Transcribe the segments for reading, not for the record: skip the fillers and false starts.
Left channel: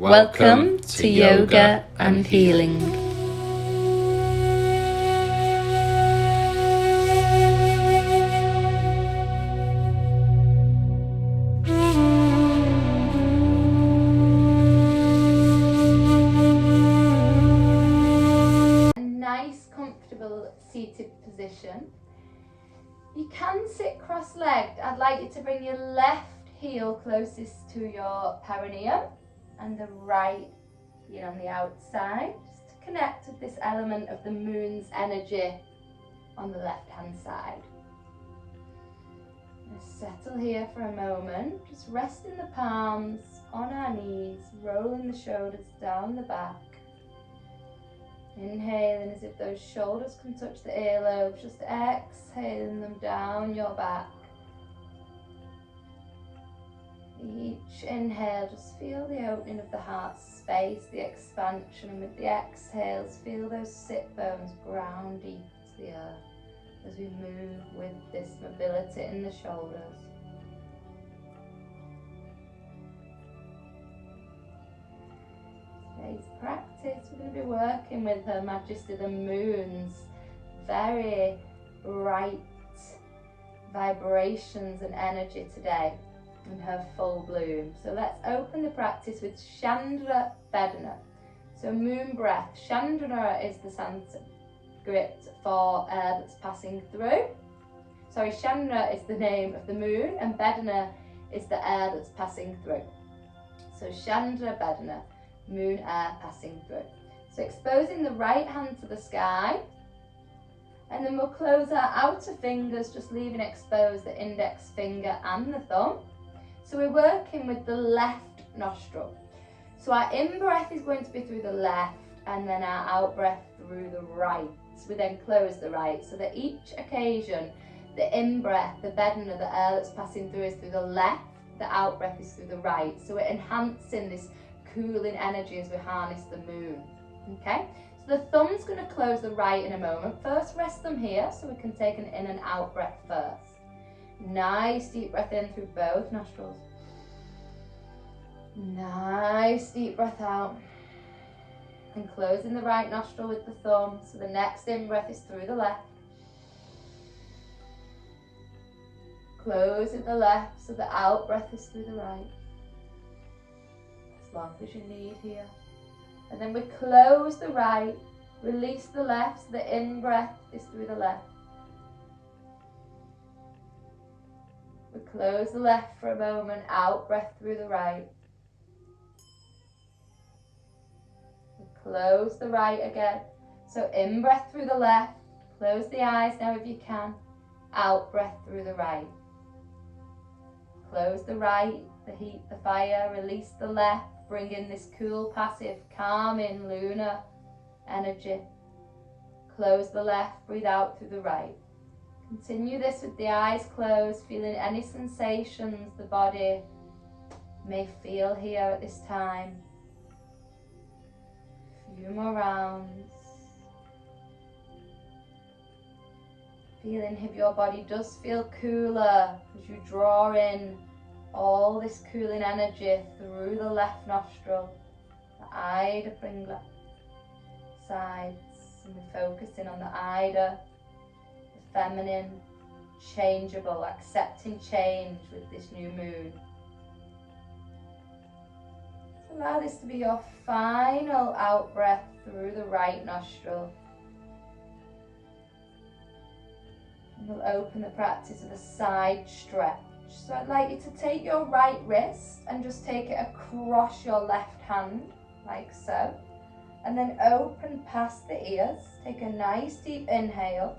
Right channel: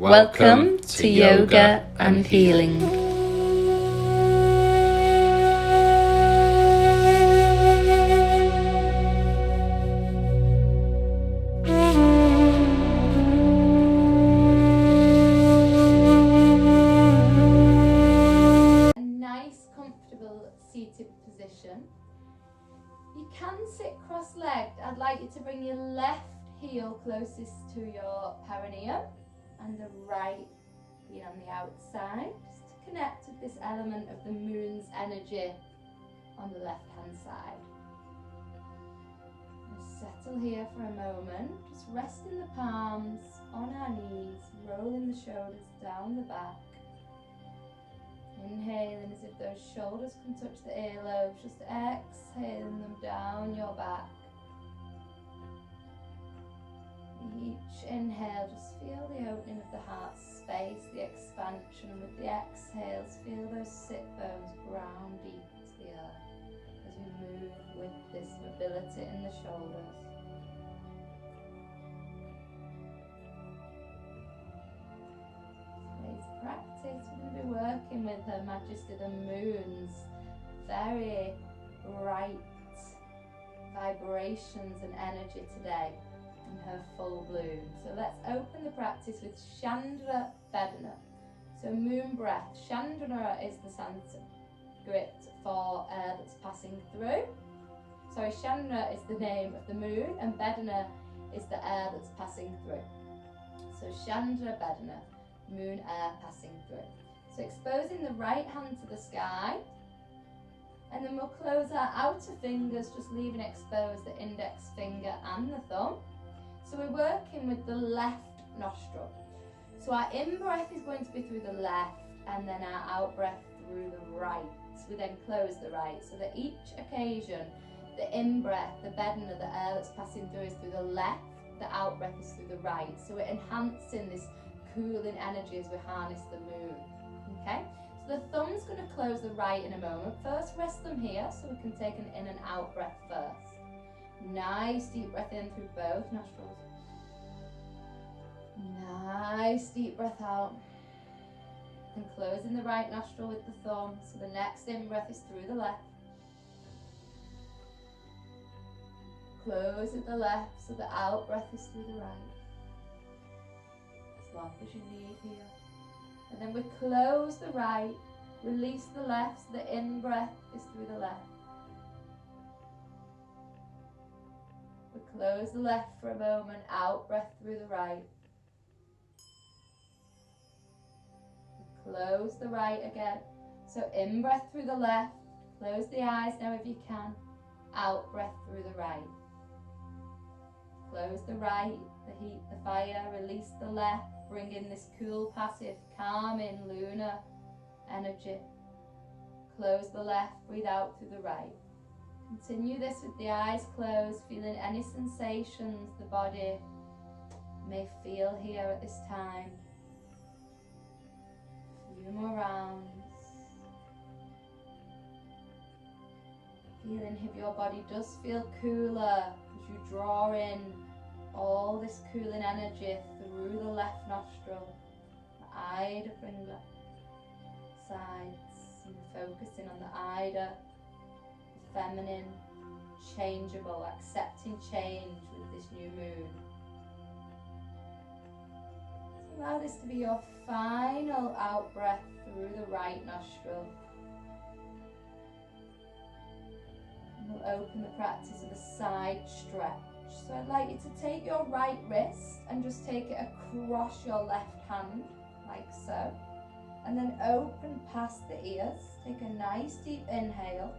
Welcome to Yoga and Healing. A nice, comfortable seated position. You can sit cross-legged. I'd like you to bring your left heel closest to your perineum and the right heel on the outside, just to connect with this element of the moon's energy on the left-hand side. Settle here for a moment, just resting the palms on our knees, rolling the shoulders down the back. Inhaling as if those shoulders can touch the earlobes, just exhaling them down your back. Each inhale, just feel the opening of the heart space, the expansion, and with the exhales, feel those sit bones ground deep to the earth as we move with this mobility in the shoulders. Today's practice, we're going to be working with Her Majesty the Moon's very bright vibrations and energy today in her full bloom. So let's open the practice with Chandra Vedana. So moon breath. Chandra is the Sanskrit for air that's passing through. Sorry, Chandra is the name of the moon and Vedana is the air that's passing through. So Chandra Vedana, moon air passing through. So exposing the right hand to the sky, and then we'll close our outer fingers, just leaving exposed the index finger and the thumb. So we're working with the left nostril. So our in-breath is going to be through the left and then our out-breath through the right. So we then close the right. So that each occasion, the in-breath, the Vedana, the air that's passing through is through the left, the out-breath is through the right. So we're enhancing this cooling energy as we harness the moon. Okay? So the thumb's going to close the right in a moment. First, rest them here so we can take an in and out breath first. Nice deep breath in through both nostrils. Nice deep breath out. And closing the right nostril with the thumb. So the next in breath is through the left. Close with the left so the out breath is through the right. As long as you need here. And then we close the right, release the left, so the in breath is through the left. We close the left for a moment, out breath through the right. We close the right again. So in breath through the left, close the eyes now if you can, out breath through the right. Close the right, the heat, the fire, release the left. Bring in this cool, passive, calming, lunar energy. Close the left, breathe out through the right. Continue this with the eyes closed, feeling any sensations the body may feel here at this time. A few more rounds. Feeling if your body does feel cooler as you draw in all this cooling energy through the left nostril, the Ida Pringla sides, and we're focusing on the Ida, the feminine, changeable, accepting change with this new moon. So allow this to be your final out breath through the right nostril. And we'll open the practice with a side stretch. So I'd like you to take your right wrist and just take it across your left hand, like so. And then open past the ears. Take a nice deep inhale.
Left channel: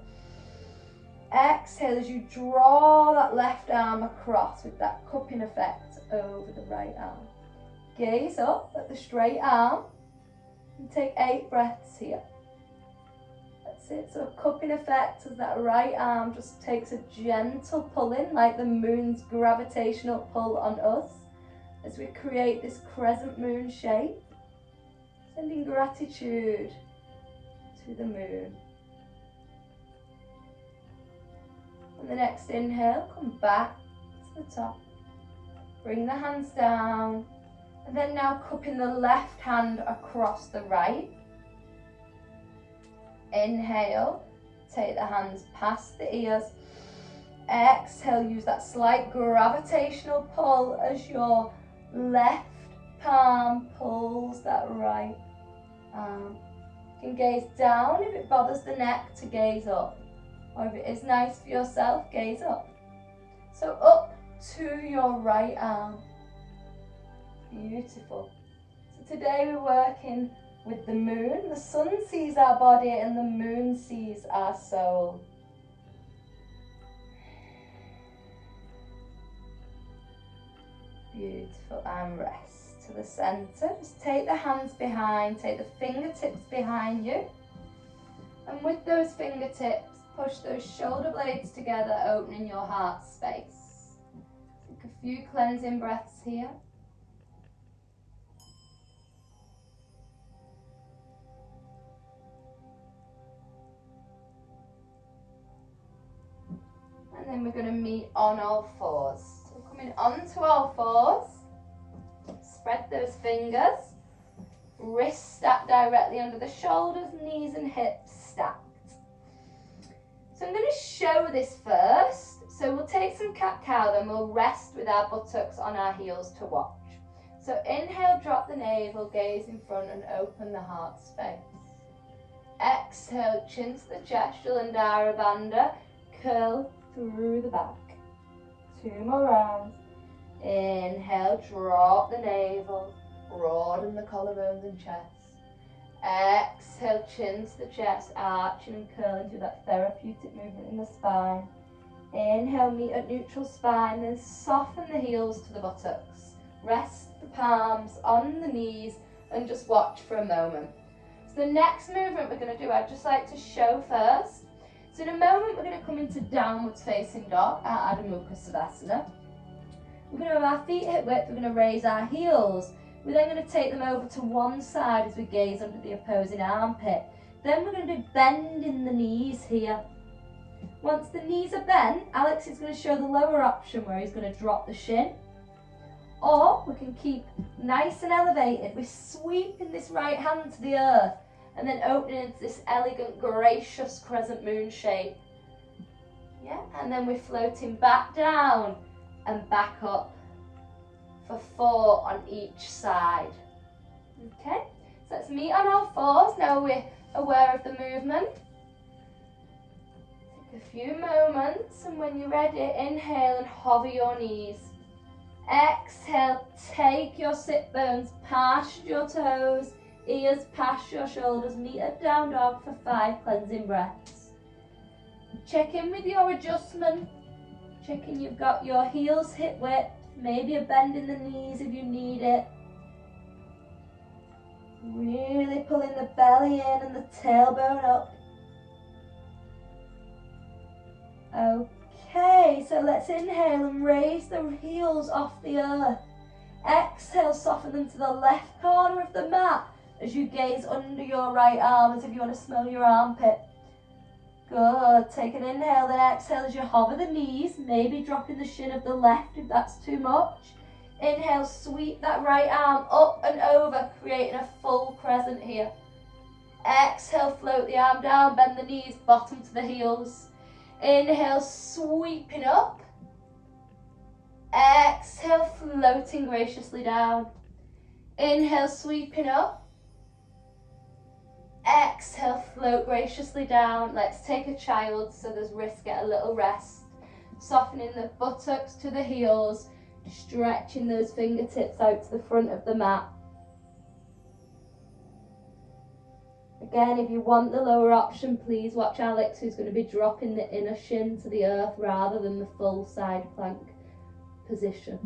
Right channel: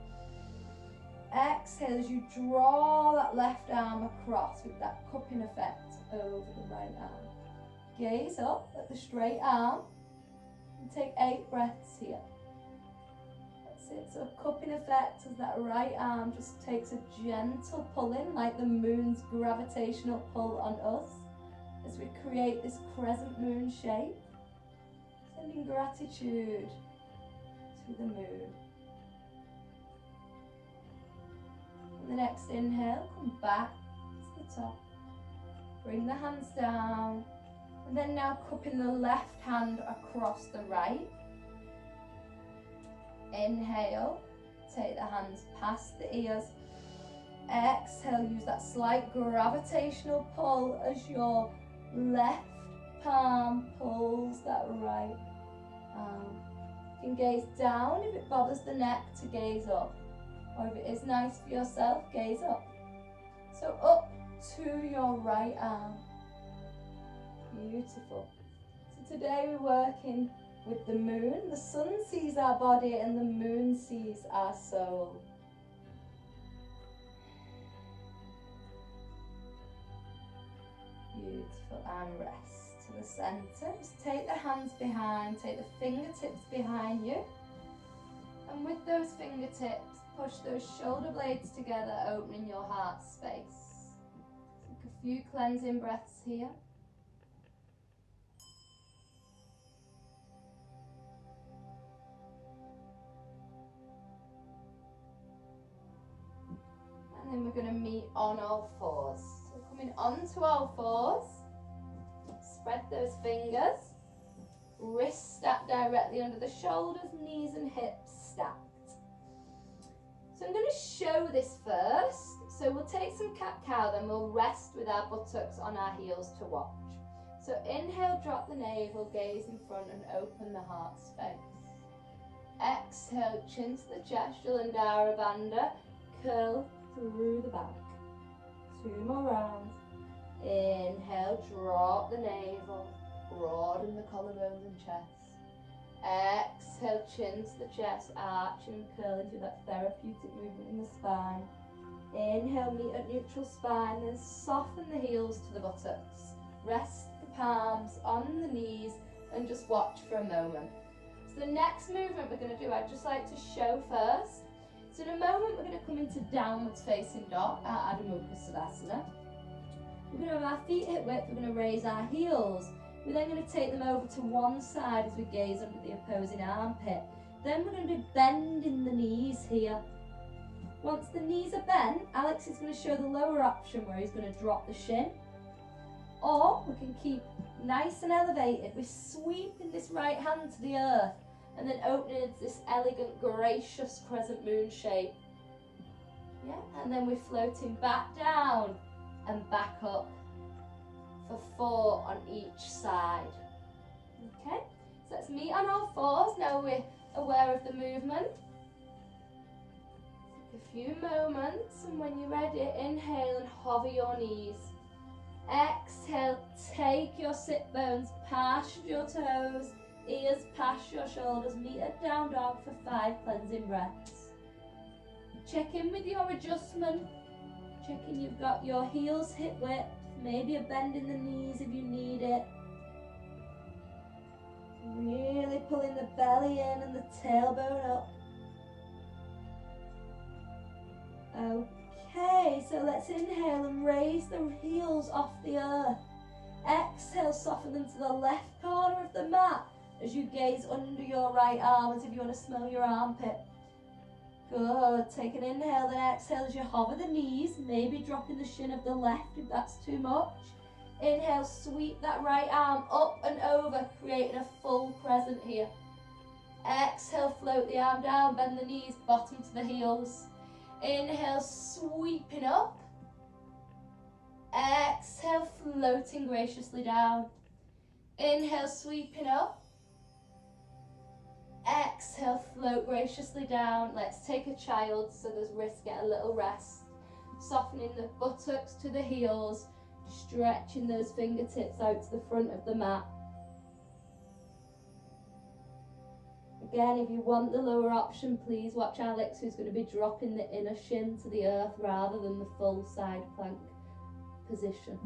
Exhale as you draw that left arm across with that cupping effect over the right arm. Gaze up at the straight arm and take 8 breaths here. So a cupping effect as that right arm just takes a gentle pulling, like the moon's gravitational pull on us, as we create this crescent moon shape, sending gratitude to the moon. On the next inhale, come back to the top, bring the hands down, And then now cupping the left hand across the right. Inhale, take the hands past the ears. Exhale, use that slight gravitational pull as your left palm pulls that right arm. You can gaze down if it bothers the neck to gaze up. Or if it is nice for yourself, gaze up. So up to your right arm. Beautiful. So today we're working with the moon. The sun sees our body and the moon sees our soul. Beautiful, and rest to the center. Just take the hands behind, take the fingertips behind you. And with those fingertips, push those shoulder blades together, opening your heart space. Take a few cleansing breaths here. And then we're going to meet on all fours. So we're coming onto all fours. Spread those fingers. Wrists stacked directly under the shoulders, knees and hips stacked. So I'm going to show this first. So we'll take some cat-cow, then we'll rest with our buttocks on our heels to watch. So inhale, drop the navel, gaze in front and open the heart space. Exhale, chin to the chest, Jalandhara Bandha, curl through the back. 2 more rounds. Inhale, drop the navel, broaden the collarbones and chest. Exhale, chin to the chest, arching and curling through that therapeutic movement in the spine. Inhale, meet at neutral spine, then soften the heels to the buttocks. Rest the palms on the knees and just watch for a moment. So the next movement we're going to do, I'd just like to show first. So in a moment we're going to come into downwards facing dog, our Adho Mukha Savasana. We're going to have our feet hip width, we're going to raise our heels. We're then going to take them over to one side as we gaze under the opposing armpit. Then we're going to be bending the knees here. Once the knees are bent, Alex is going to show the lower option where he's going to drop the shin. Or we can keep nice and elevated. We're sweeping this right hand to the earth and then opening into this elegant, gracious crescent moon shape. Yeah, and then we're floating back down and back up for 4 on each side. Okay, so let's meet on all fours. Now we're aware of the movement. Take a few moments, and when you're ready, inhale and hover your knees. Exhale, take your sit bones past your toes, ears past your shoulders. Meet at down dog for 5 cleansing breaths. Check in with your adjustment. Checking you've got your heels hip width, maybe a bend in the knees if you need it. Really pulling the belly in and the tailbone up. Okay, so let's inhale and raise the heels off the earth. Exhale, soften them to the left corner of the mat as you gaze under your right arm as if you want to smell your armpit. Good. Take an inhale, then exhale as you hover the knees, maybe dropping the shin of the left if that's too much. Inhale, sweep that right arm up and over, creating a full crescent here. Exhale, float the arm down, bend the knees, bottom to the heels. Inhale, sweeping up. Exhale, floating graciously down. Inhale, sweeping up. Exhale, float graciously down. Let's take a child so those wrists get a little rest. Softening the buttocks to the heels, stretching those fingertips out to the front of the mat. Again, if you want the lower option, please watch Alex, who's going to be dropping the inner shin to the earth rather than the full side plank position.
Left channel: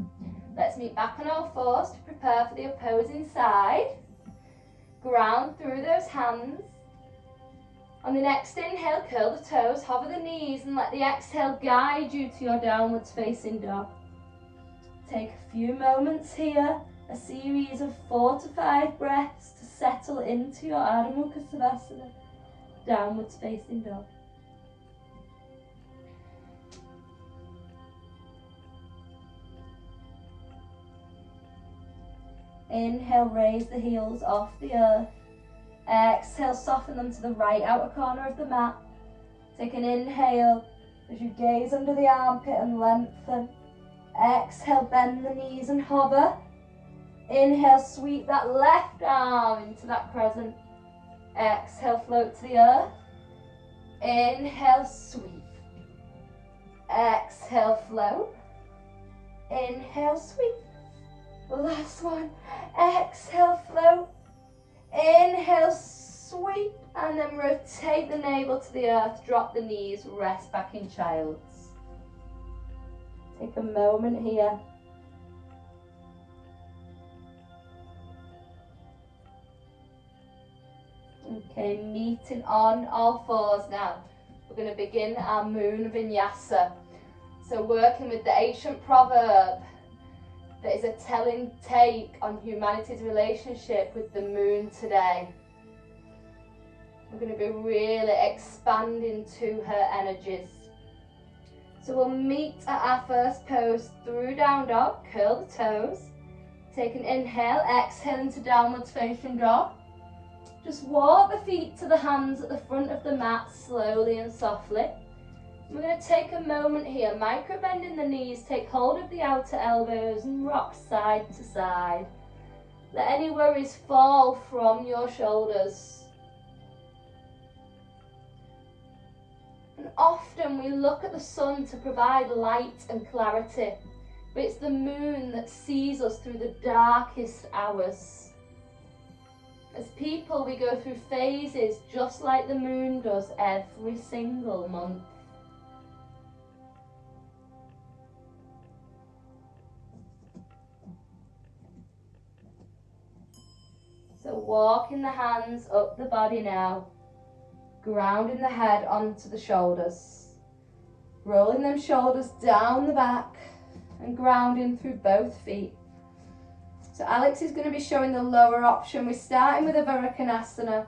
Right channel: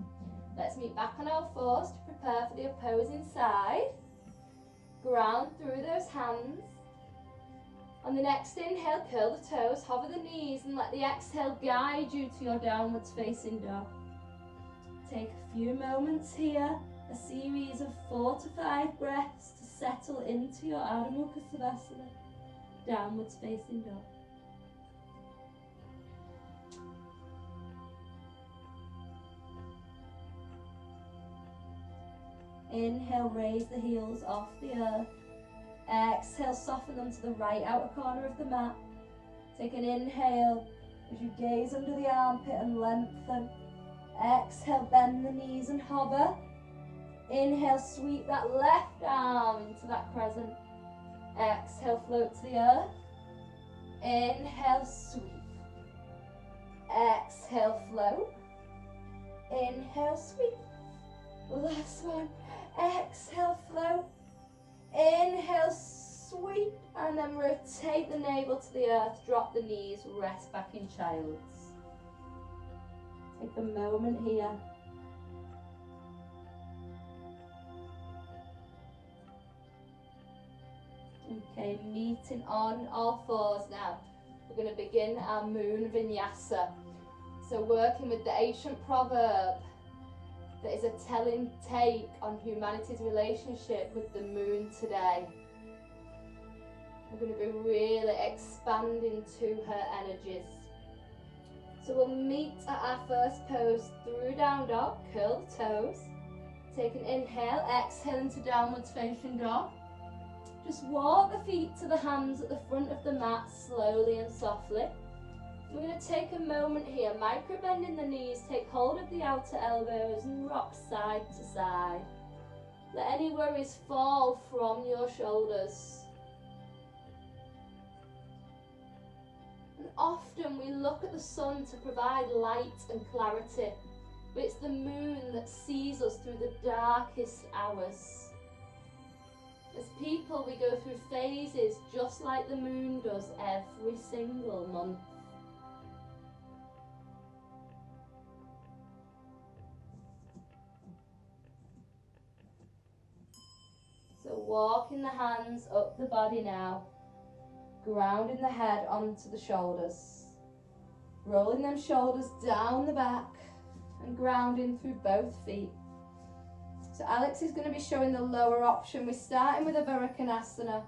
Let's meet back on all fours to prepare for the opposing side. Ground through those hands. On the next inhale, curl the toes, hover the knees, and let the exhale guide you to your downwards facing dog. Take a few moments here, a series of 4 to 5 breaths to settle into your Adho Mukha Savasana, downwards facing dog. Inhale, raise the heels off the earth. Exhale, soften them to the right outer corner of the mat. Take an inhale as you gaze under the armpit and lengthen. Exhale, bend the knees and hover. Inhale, sweep that left arm into that crescent. Exhale, float to the earth. Inhale, sweep. Exhale, float. Inhale, sweep. Last one. Exhale, float. Inhale, sweep. And then rotate the navel to the earth. Drop the knees. Rest back in child's. Take a moment here. Okay, meeting on all fours now. We're going to begin our moon vinyasa. So working with the ancient proverb that is a telling take on humanity's relationship with the moon today. We're going to be really expanding to her energies. So we'll meet at our first pose through down dog, curl the toes. Take an inhale, exhale into downwards facing dog. Just walk the feet to the hands at the front of the mat slowly and softly. We're going to take a moment here, micro bending the knees, take hold of the outer elbows and rock side to side. Let any worries fall from your shoulders. And often we look at the sun to provide light and clarity, but it's the moon that sees us through the darkest hours. As people, we go through phases just like the moon does every single month. So walking the hands up the body now, grounding the head onto the shoulders, rolling them shoulders down the back and grounding through both feet. So Alex is going to be showing the lower option. We're starting with a Varikonasana.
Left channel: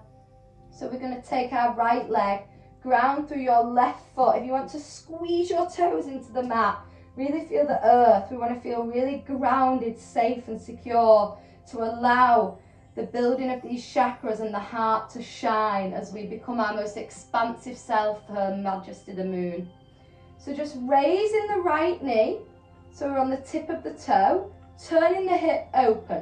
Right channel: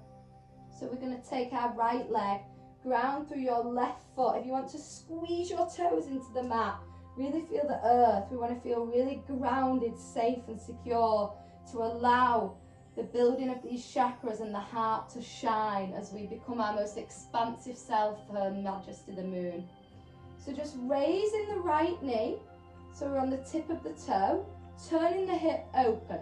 So we're going to take our right leg, ground through your left foot. If you want to squeeze your toes into the mat, really feel the earth. We want to feel really grounded, safe and secure to allow the building of these chakras and the heart to shine as we become our most expansive self, Her Majesty the Moon. So just raising the right knee, so we're on the tip of the toe, turning the hip open.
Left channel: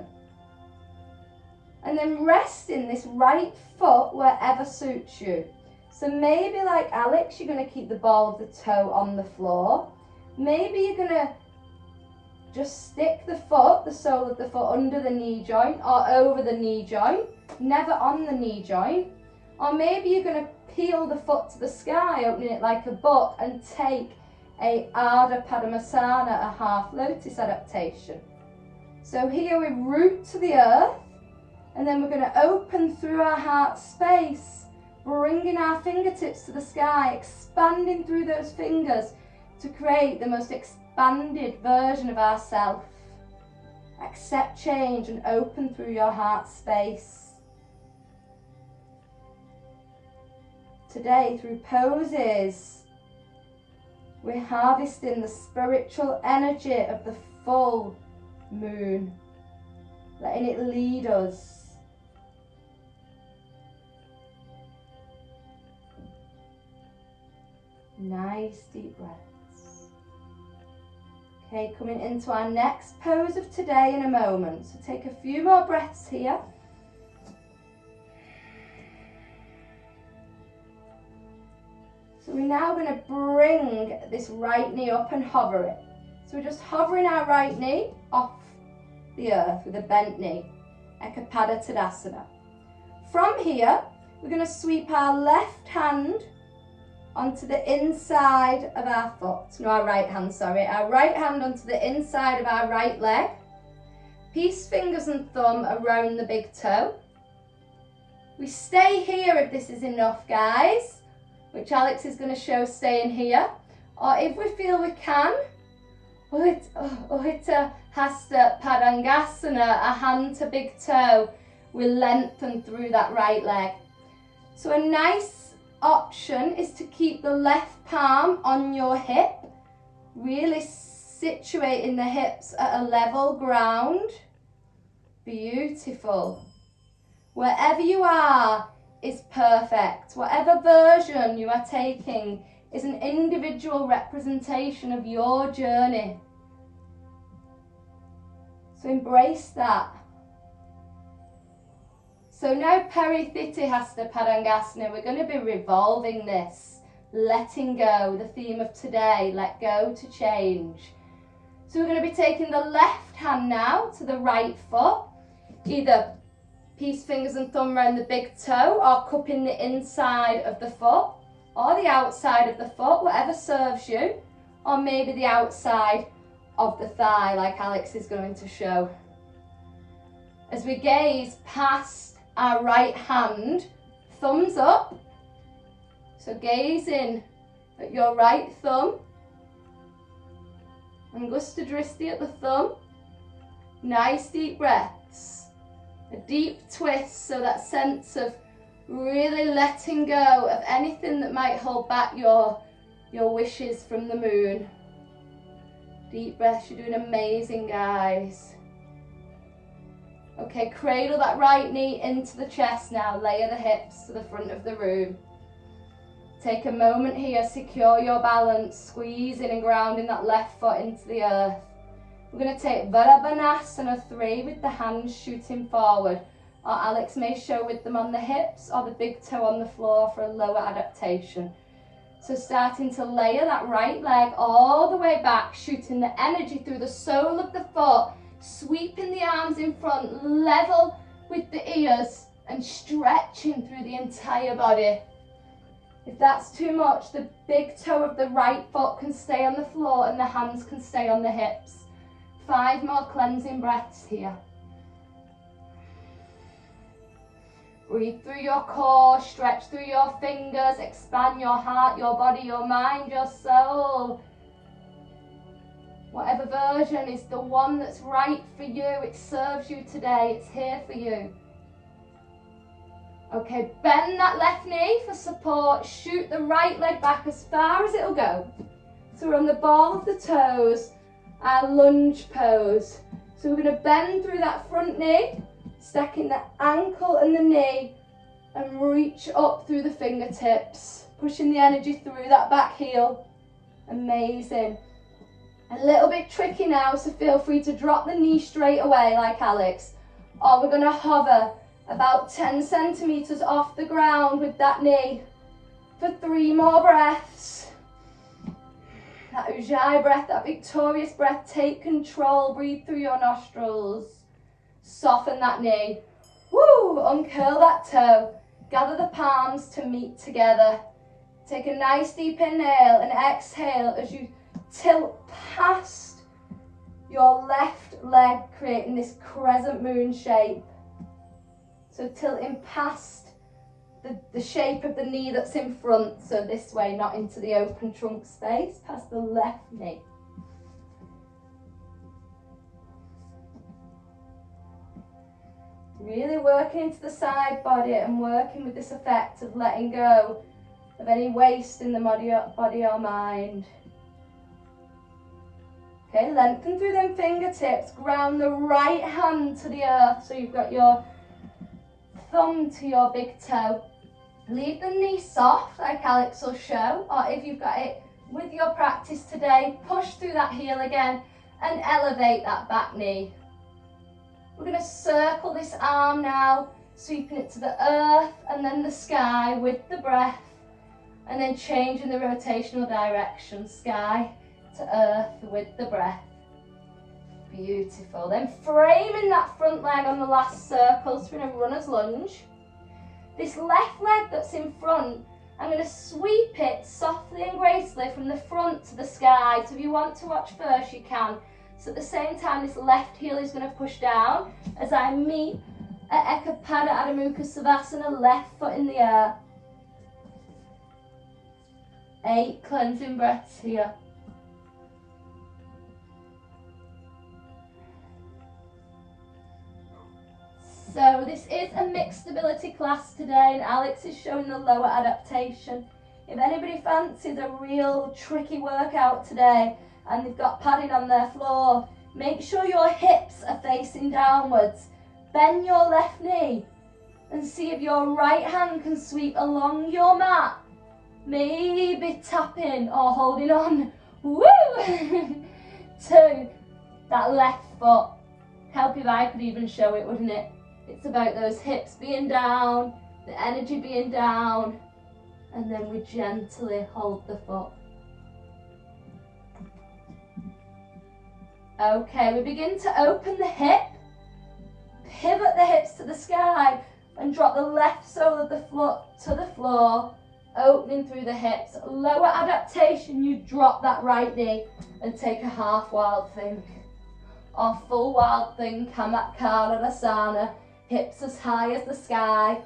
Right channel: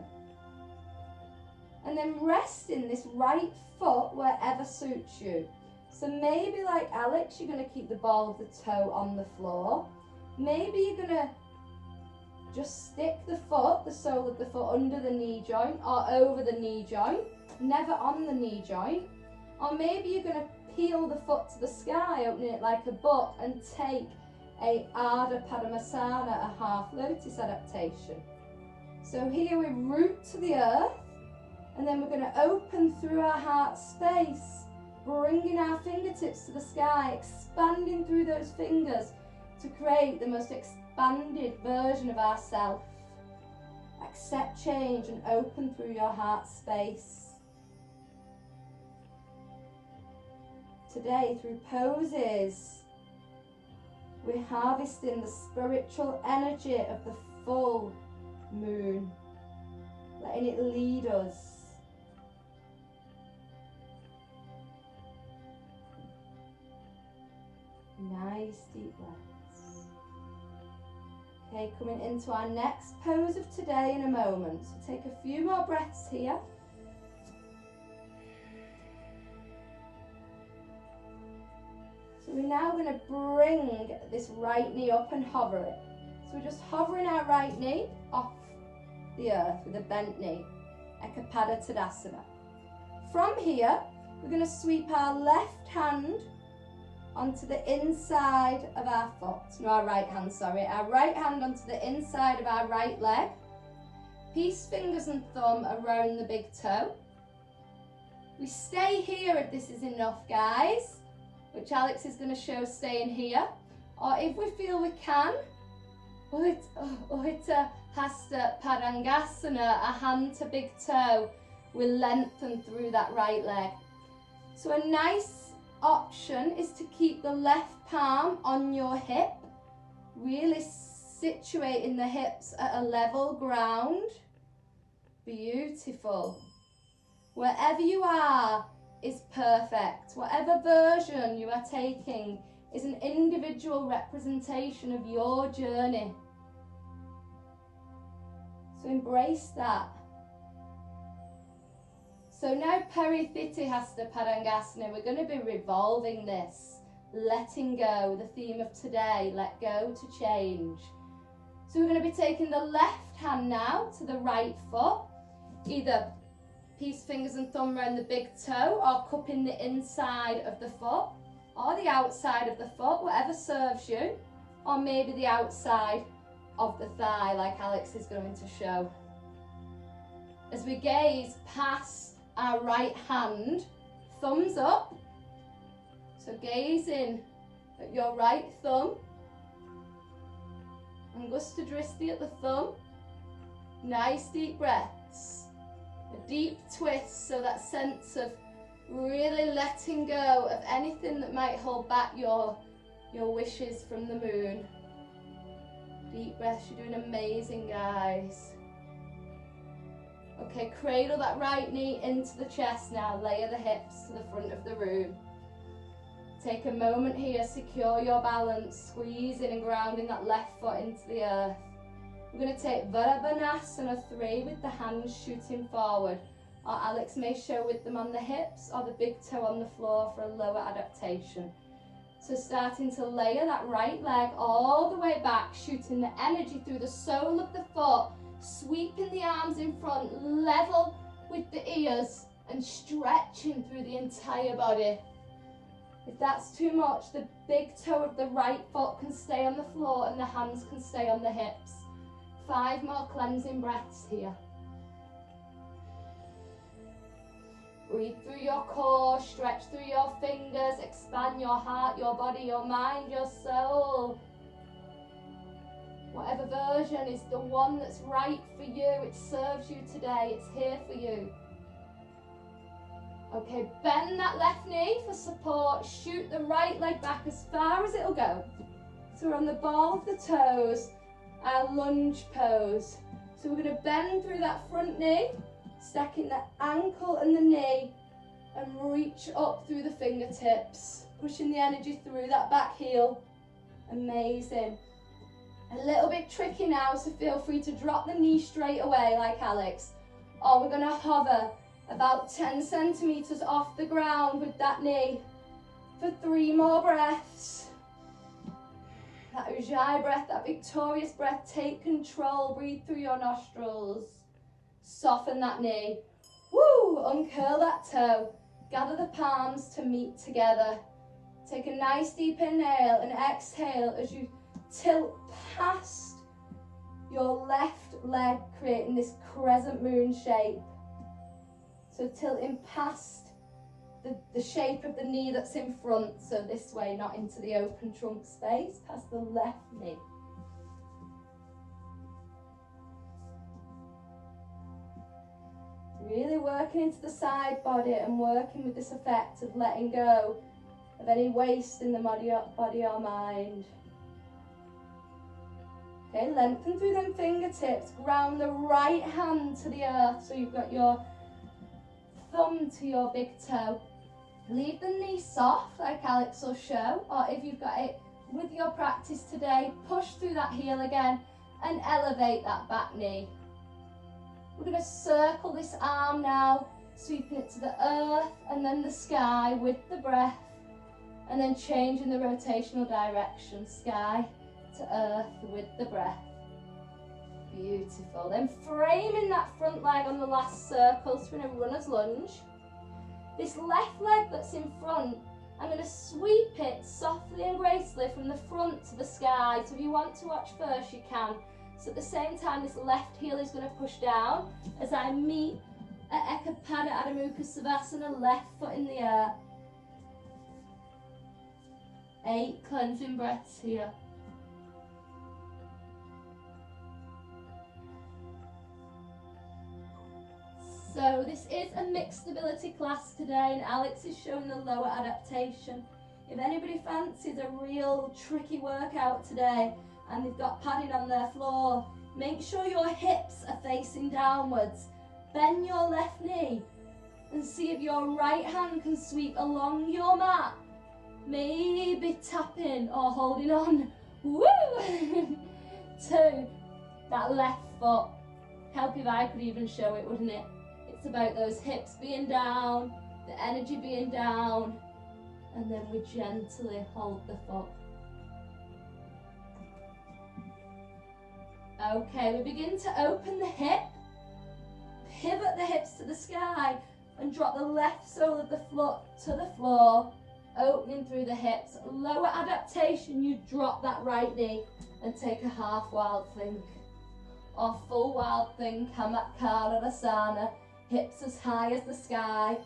And then resting this right foot wherever suits you. So maybe like Alex, you're going to keep the ball of the toe on the floor. Maybe you're going to just stick the foot, the sole of the foot, under the knee joint or over the knee joint, never on the knee joint. Or maybe you're going to peel the foot to the sky, opening it like a book, and take a Ardha Padmasana, a half lotus adaptation. So here we root to the earth, and then we're going to open through our heart space, bringing our fingertips to the sky, expanding through those fingers to create the most expanded version of ourself. Accept change and open through your heart space. Today, through poses, we're harvesting the spiritual energy of the full moon, letting it lead us. Nice deep breaths. Okay, coming into our next pose of today in a moment. So take a few more breaths here. So we're now going to bring this right knee up and hover it. So we're just hovering our right knee off the earth with a bent knee, Ekapada Tadasana. From here, we're going to sweep our left hand onto the inside of our foot. No, our right hand, sorry. Our right hand onto the inside of our right leg. Peace fingers and thumb around the big toe. We stay here if this is enough, guys, which Alex is going to show staying here. Or if we feel we can, Uddita Hasta Padangasana, a hand to big toe. We lengthen through that right leg. So a nice option is to keep the left palm on your hip, really situating the hips at a level ground. Beautiful. Wherever you are is perfect. Whatever version you are taking is an individual representation of your journey. So embrace that. So now Parithiti Hasta Padangasana, we're going to be revolving this, letting go, the theme of today, let go to change. So we're going to be taking the left hand now to the right foot, either peace fingers and thumb around the big toe or cupping the inside of the foot or the outside of the foot, whatever serves you, or maybe the outside of the thigh like Alex is going to show. As we gaze past our right hand, thumbs up, so gazing at your right thumb, Angusta Dristi at the thumb, nice deep breaths. A deep twist, so that sense of really letting go of anything that might hold back your wishes from the moon. Deep breaths, you're doing amazing, guys. Okay, cradle that right knee into the chest now, layer the hips to the front of the room. Take a moment here, secure your balance, squeezing and grounding that left foot into the earth. We're going to take Virabhanasana 3 with the hands shooting forward, or Alex may show with them on the hips or the big toe on the floor for a lower adaptation. So starting to layer that right leg all the way back, shooting the energy through the sole of the foot, sweeping the arms in front, level with the ears and stretching through the entire body. If that's too much, the big toe of the right foot can stay on the floor and the hands can stay on the hips. 5 more cleansing breaths here. Breathe through your core, stretch through your fingers, expand your heart, your body, your mind, your soul. Whatever version is the one that's right for you, it serves you today, it's here for you. Okay, bend that left knee for support, shoot the right leg back as far as it'll go. So we're on the ball of the toes, our lunge pose. So we're going to bend through that front knee, stacking the ankle and the knee, and reach up through the fingertips, pushing the energy through that back heel. Amazing. A little bit tricky now, so feel free to drop the knee straight away like Alex, or we're going to hover about 10 centimeters off the ground with that knee for 3 more breaths. That Ujjayi breath, that victorious breath, take control, breathe through your nostrils. Soften that knee. Woo! Uncurl that toe. Gather the palms to meet together. Take a nice deep inhale and exhale as you tilt past your left leg, creating this crescent moon shape. So tilting past the shape of the knee that's in front, so this way, not into the open trunk space, past the left knee. Really working into the side body and working with this effect of letting go of any waste in the body or mind. Okay, lengthen through them fingertips, ground the right hand to the earth, so you've got your thumb to your big toe. Leave the knee soft like Alex will show, or if you've got it with your practice today, push through that heel again and elevate that back knee. We're going to circle this arm now, sweeping it to the earth and then the sky with the breath, and then changing the rotational direction, sky to earth with the breath. Beautiful. Then framing that front leg on the last circle, so we're in a runner's lunge. This left leg that's in front, I'm going to sweep it softly and gracefully from the front to the sky. So if you want to watch first, you can. So at the same time, this left heel is going to push down as I meet at Ekapada Adho Mukha Savasana, left foot in the air. 8 cleansing breaths here. So this is a mixed stability class today, and Alex is showing the lower adaptation. If anybody fancies a real tricky workout today and they've got padding on their floor, make sure your hips are facing downwards. bend your left knee and see if your right hand can sweep along your mat. Maybe tapping or holding on, woo, to that left foot. Help if I could even show it, wouldn't it? It's about those hips being down, the energy being down, and then we gently hold the foot. Okay, we begin to open the hip, pivot the hips to the sky, and drop the left sole of the foot to the floor, opening through the hips. Lower adaptation, you drop that right knee and take a half wild think. Or full wild think, Kamakara, hips as high as the sky,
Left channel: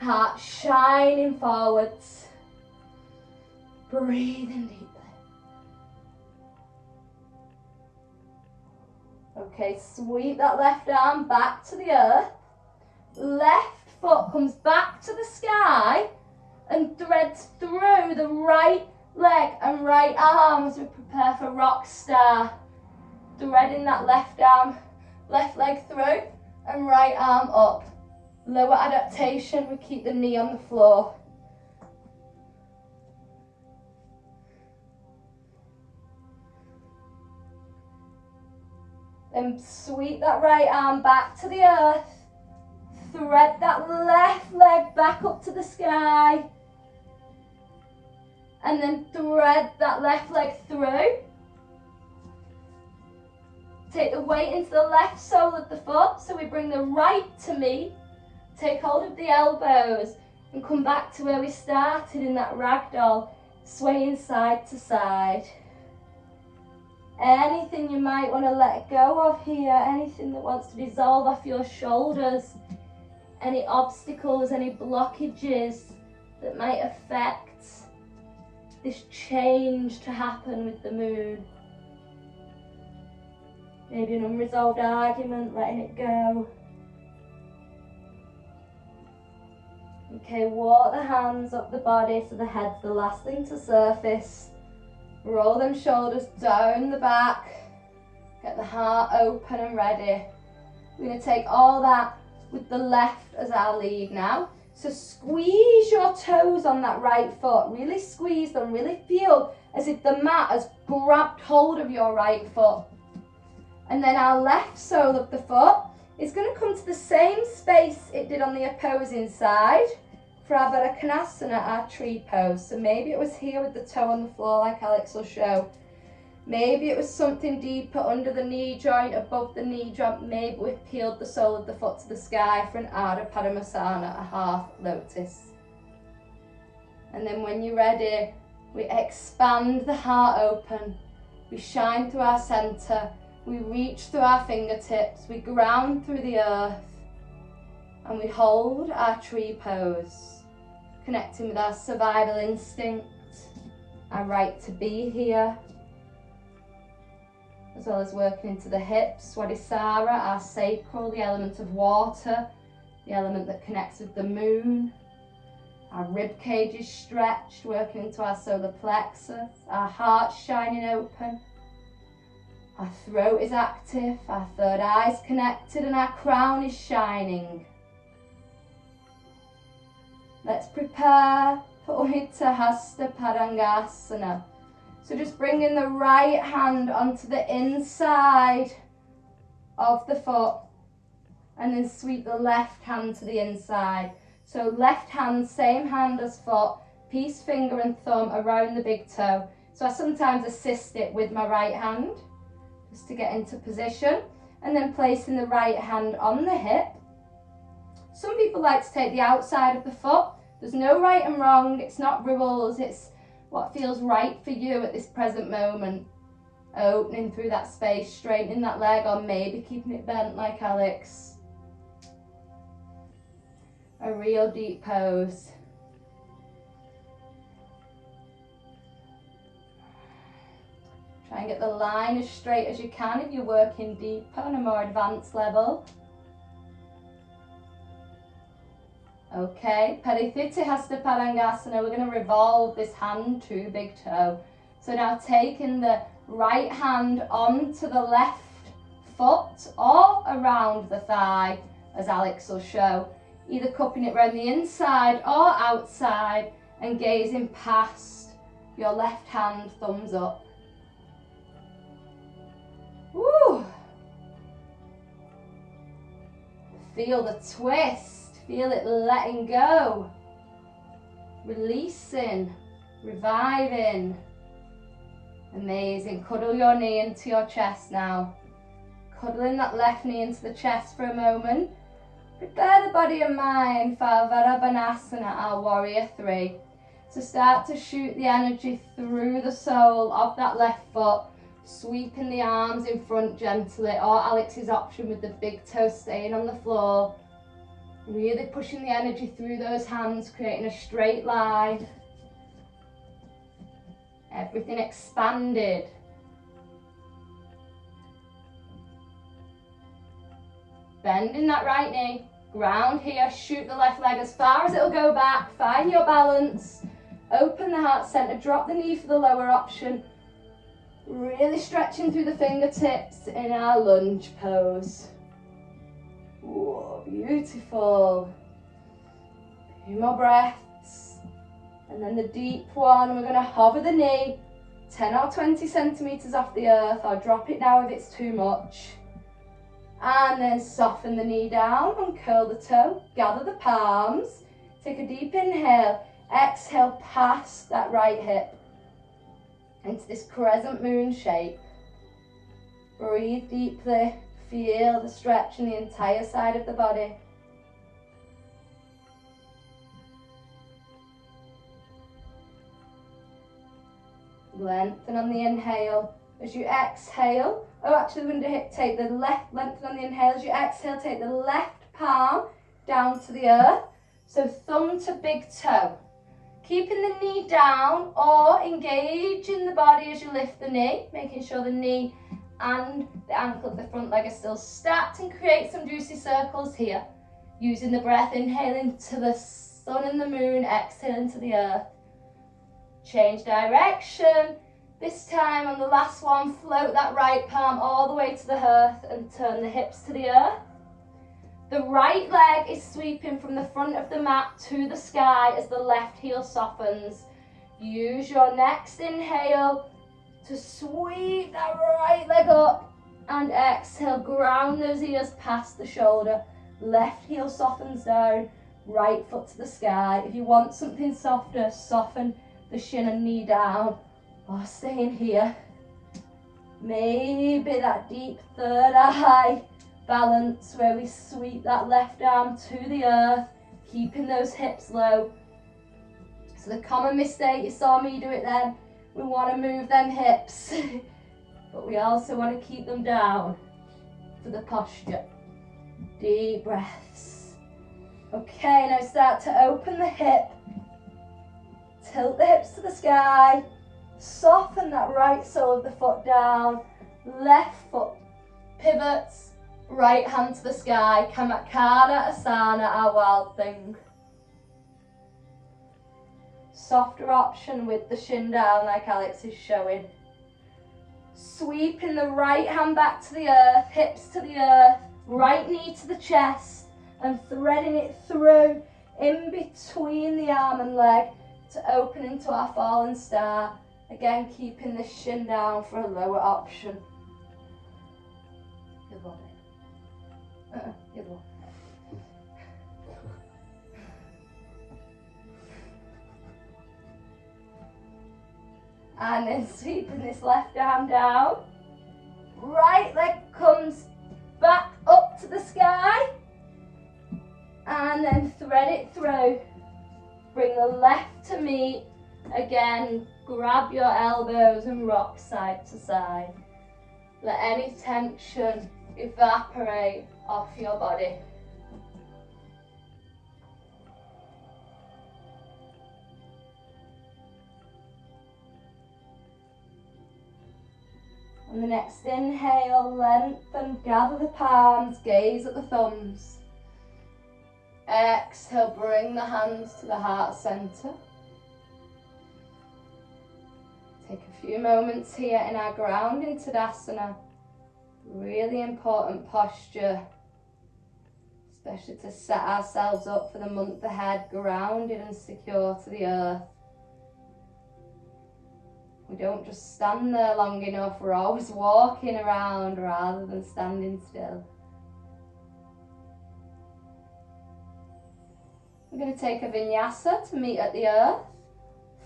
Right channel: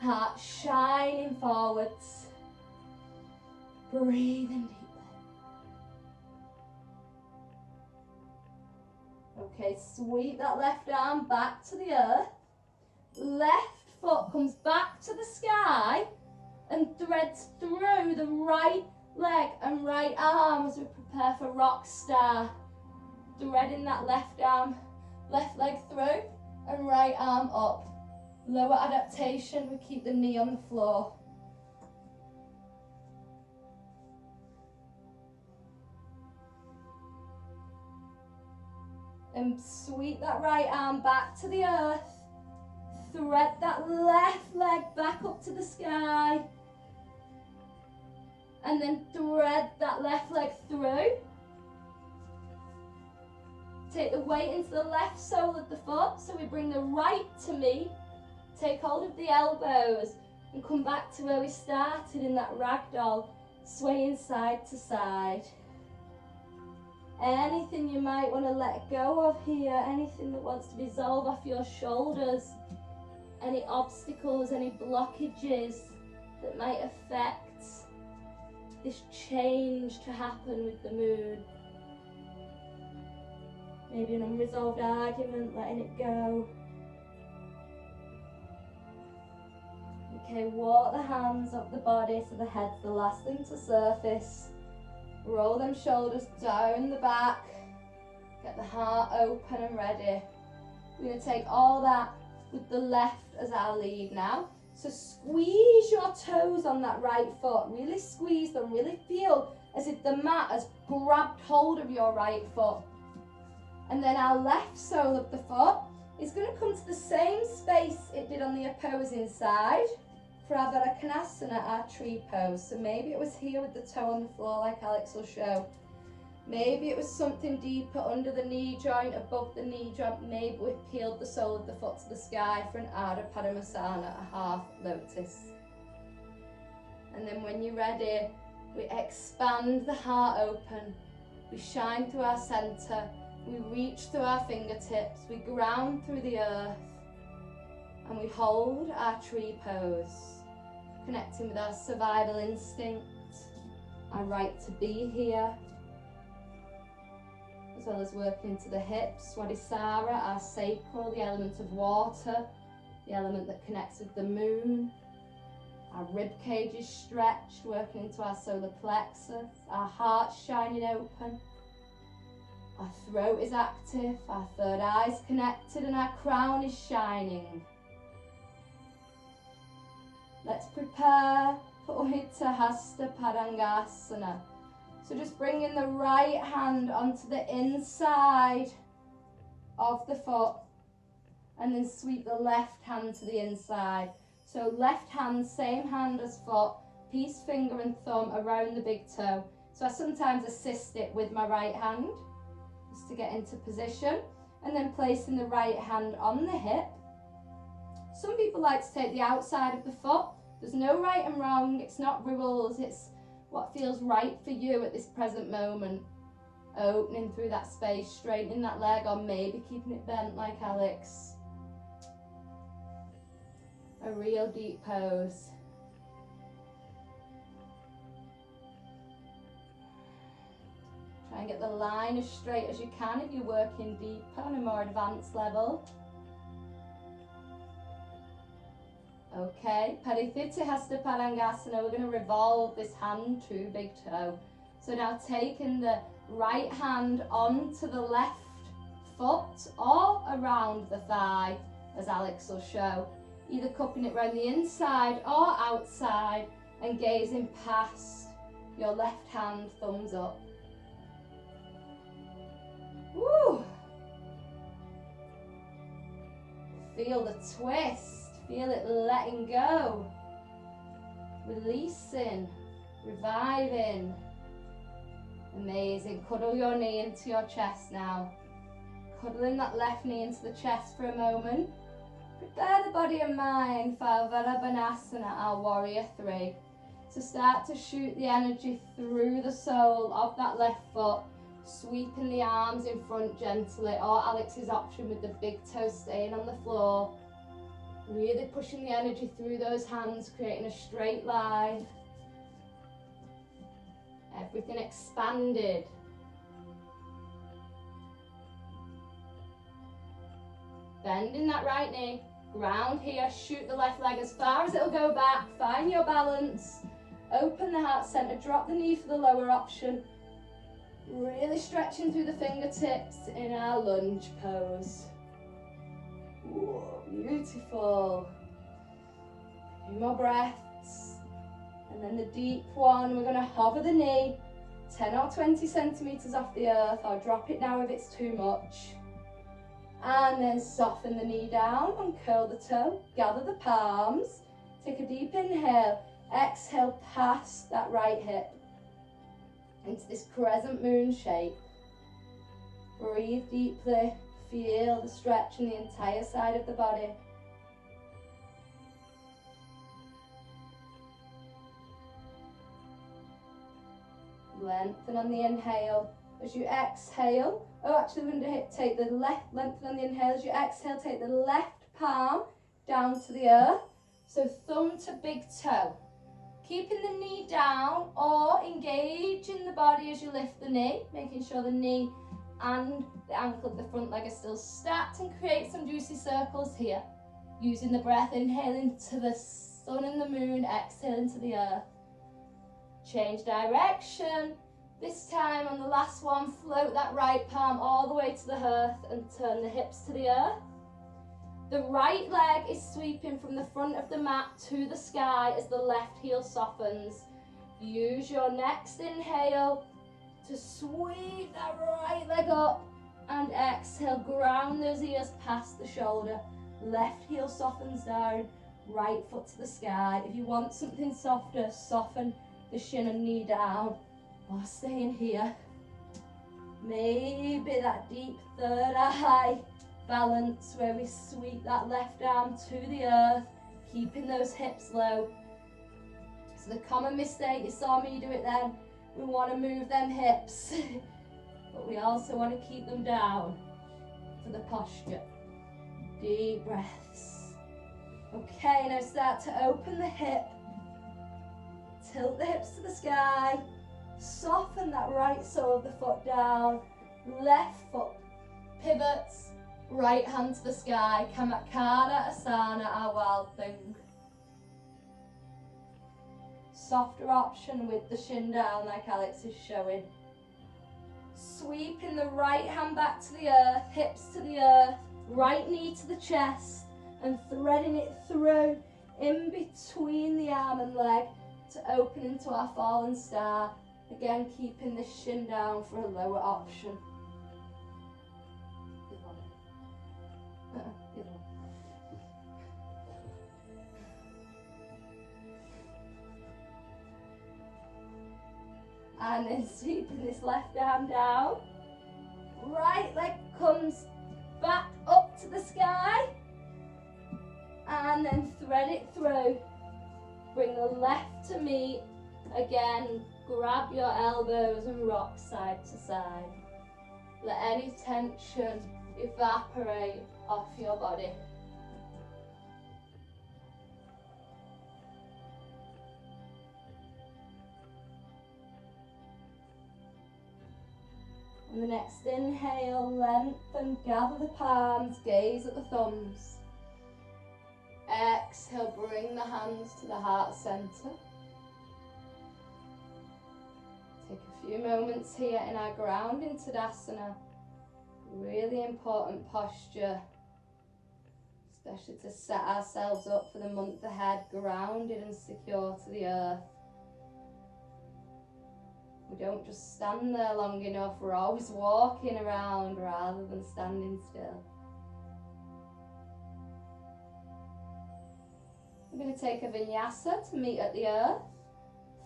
heart shining forwards. Breathing deeply. Okay, sweep that left arm back to the earth. Left foot comes back to the sky and threads through the right leg and right arm as we prepare for rock star. Threading that left arm, left leg through and right arm up. Lower adaptation, we keep the knee on the floor. Then sweep that right arm back to the earth. Thread that left leg back up to the sky. And then thread that left leg through. Take the weight into the left sole of the foot, so we bring the right to meet. Take hold of the elbows and come back to where we started in that ragdoll, swaying side to side. Anything you might want to let go of here, anything that wants to dissolve off your shoulders, any obstacles, any blockages that might affect this change to happen with the moon. Maybe an unresolved argument, letting it go. Okay, walk the hands up the body so the head's the last thing to surface. Roll them shoulders down the back. Get the heart open and ready. We're going to take all that with the left as our lead now. So squeeze your toes on that right foot. Really squeeze them. Really feel as if the mat has grabbed hold of your right foot. And then our left sole of the foot is going to come to the same space it did on the opposing side for our Konasana, our tree pose. So maybe it was here with the toe on the floor like Alex will show. Maybe it was something deeper under the knee joint, above the knee joint. Maybe we've peeled the sole of the foot to the sky for an Ardha Padmasana, a half lotus. And then when you're ready, we expand the heart open. We shine through our center. We reach through our fingertips. We ground through the earth. And we hold our tree pose, connecting with our survival instinct, our right to be here, as well as working into the hips. Swadhisthana, our sacral, the element of water, the element that connects with the moon. Our rib cage is stretched, working into our solar plexus. Our heart shining open. Our throat is active, our third eye is connected, and our crown is shining. Let's prepare for Uttahasta Padangasana. So just bringing the right hand onto the inside of the foot and then sweep the left hand to the inside. So left hand, same hand as foot, peace finger and thumb around the big toe. So I sometimes assist it with my right hand just to get into position, and then placing the right hand on the hip. Some people like to take the outside of the foot. There's no right and wrong, it's not rules, it's what feels right for you at this present moment. Opening through that space, straightening that leg, or maybe keeping it bent like Alex. A real deep pose. Try and get the line as straight as you can if you're working deeper on a more advanced level. Okay, Parithiti Hasta Padangasana, we're going to revolve this hand to big toe. So now taking the right hand onto the left foot or around the thigh as Alex will show. Either cupping it around the inside or outside and gazing past your left hand, thumbs up. Woo! Feel the twist, feel it letting go, releasing, reviving. Amazing. Cuddle your knee into your chest now. Cuddling that left knee into the chest for a moment. Prepare the body and mind for Virabhanasana, our warrior three. So start to shoot the energy through the sole of that left foot, sweeping the arms in front gently, or Alex's option with the big toe staying on the floor. Really pushing the energy through those hands, creating a straight line. Everything expanded. Bending that right knee, ground here, shoot the left leg as far as it'll go back, find your balance, open the heart center, drop the knee for the lower option, really stretching through the fingertips in our lunge pose. Whoa, beautiful. A few more breaths, and then the deep one, we're going to hover the knee 10 or 20 centimeters off the earth, or drop it now if it's too much. And then soften the knee down, uncurl the toe, gather the palms, take a deep inhale, exhale past that right hip into this crescent moon shape. Breathe deeply, feel the stretch in the entire side of the body. Lengthen on the inhale. As you exhale, actually we're going to take the left, lengthen on the inhale. As you exhale, take the left palm down to the earth. So thumb to big toe. Keeping the knee down or engaging the body as you lift the knee, making sure the knee and the ankle of the front leg are still stacked, and create some juicy circles here. Using the breath, inhaling to the sun and the moon, exhaling to the earth. Change direction. This time on the last one, float that right palm all the way to the earth and turn the hips to the earth. The right leg is sweeping from the front of the mat to the sky as the left heel softens. Use your next inhale to sweep that right leg up, and exhale, ground those ears past the shoulder. Left heel softens down, right foot to the sky. If you want something softer, soften the shin and knee down, or staying here. Maybe that deep third eye balance where we sweep that left arm to the earth, keeping those hips low. So the common mistake, you saw me do it then, we want to move them hips, but we also want to keep them down for the posture. Deep breaths. Okay, now start to open the hip, tilt the hips to the sky, soften that right sole of the foot down, left foot pivots, right hand to the sky, Kamakara Asana, our wild thing. Softer option with the shin down like Alex is showing. Sweeping the right hand back to the earth, hips to the earth, right knee to the chest, and threading it through in between the arm and leg to open into our fallen star. Again, keeping the shin down for a lower option. Good one. Good one. And then sweeping this left arm down. Right leg comes back up to the sky. And then thread it through. Bring the left to meet. Again, grab your elbows and rock side to side. Let any tension evaporate off your body. On the next inhale, lengthen, gather the palms, gaze at the thumbs. Exhale, bring the hands to the heart center. Take a few moments here in our grounding Tadasana. Really important posture, especially to set ourselves up for the month ahead, grounded and secure to the earth. We don't just stand there long enough, we're always walking around rather than standing still. We're going to take a vinyasa to meet at the earth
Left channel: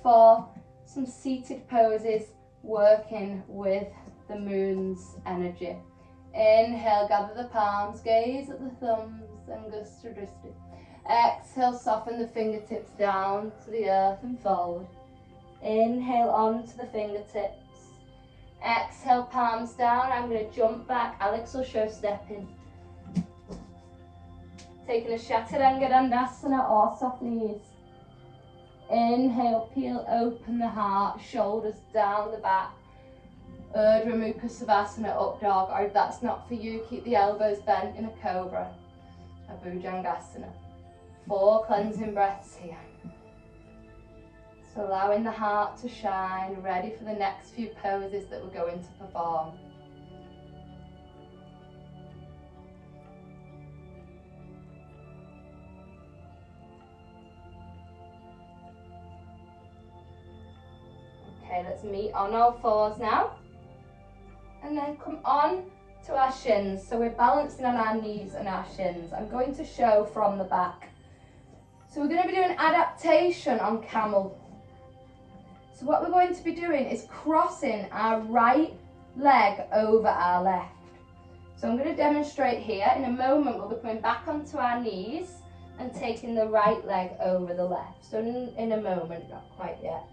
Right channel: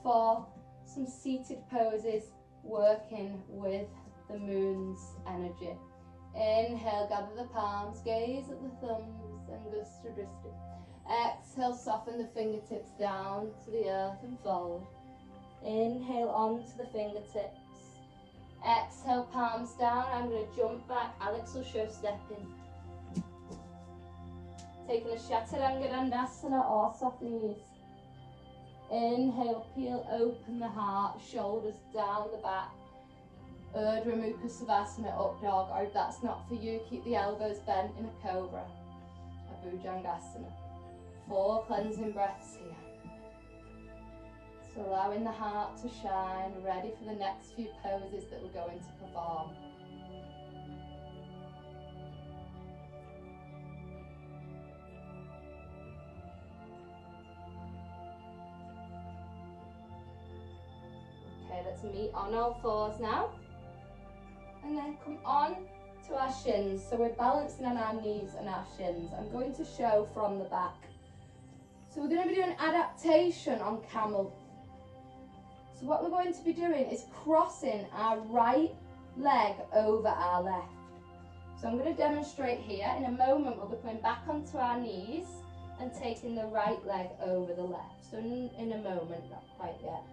for some seated poses, working with the moon's energy. Inhale, gather the palms, gaze at the thumbs, and gusta drishti. Exhale, soften the fingertips down to the earth and forward. Inhale onto the fingertips. Exhale, palms down. I'm going to jump back. Alex will show stepping. Taking a Chaturanga Dandasana or soft knees. Inhale, peel open the heart, shoulders down the back. Urdhva Mukha Savasana, up dog, or if that's not for you, keep the elbows bent in a cobra, a Bhujangasana. 4 cleansing breaths here. So allowing the heart to shine, ready for the next few poses that we're going to perform. Okay, let's meet on all fours now. And then come on to our shins. So we're balancing on our knees and our shins. I'm going to show from the back. So we're going to be doing adaptation on camel. So what we're going to be doing is crossing our right leg over our left. So I'm going to demonstrate here. In a moment we'll be coming back onto our knees and taking the right leg over the left. So in a moment, not quite yet.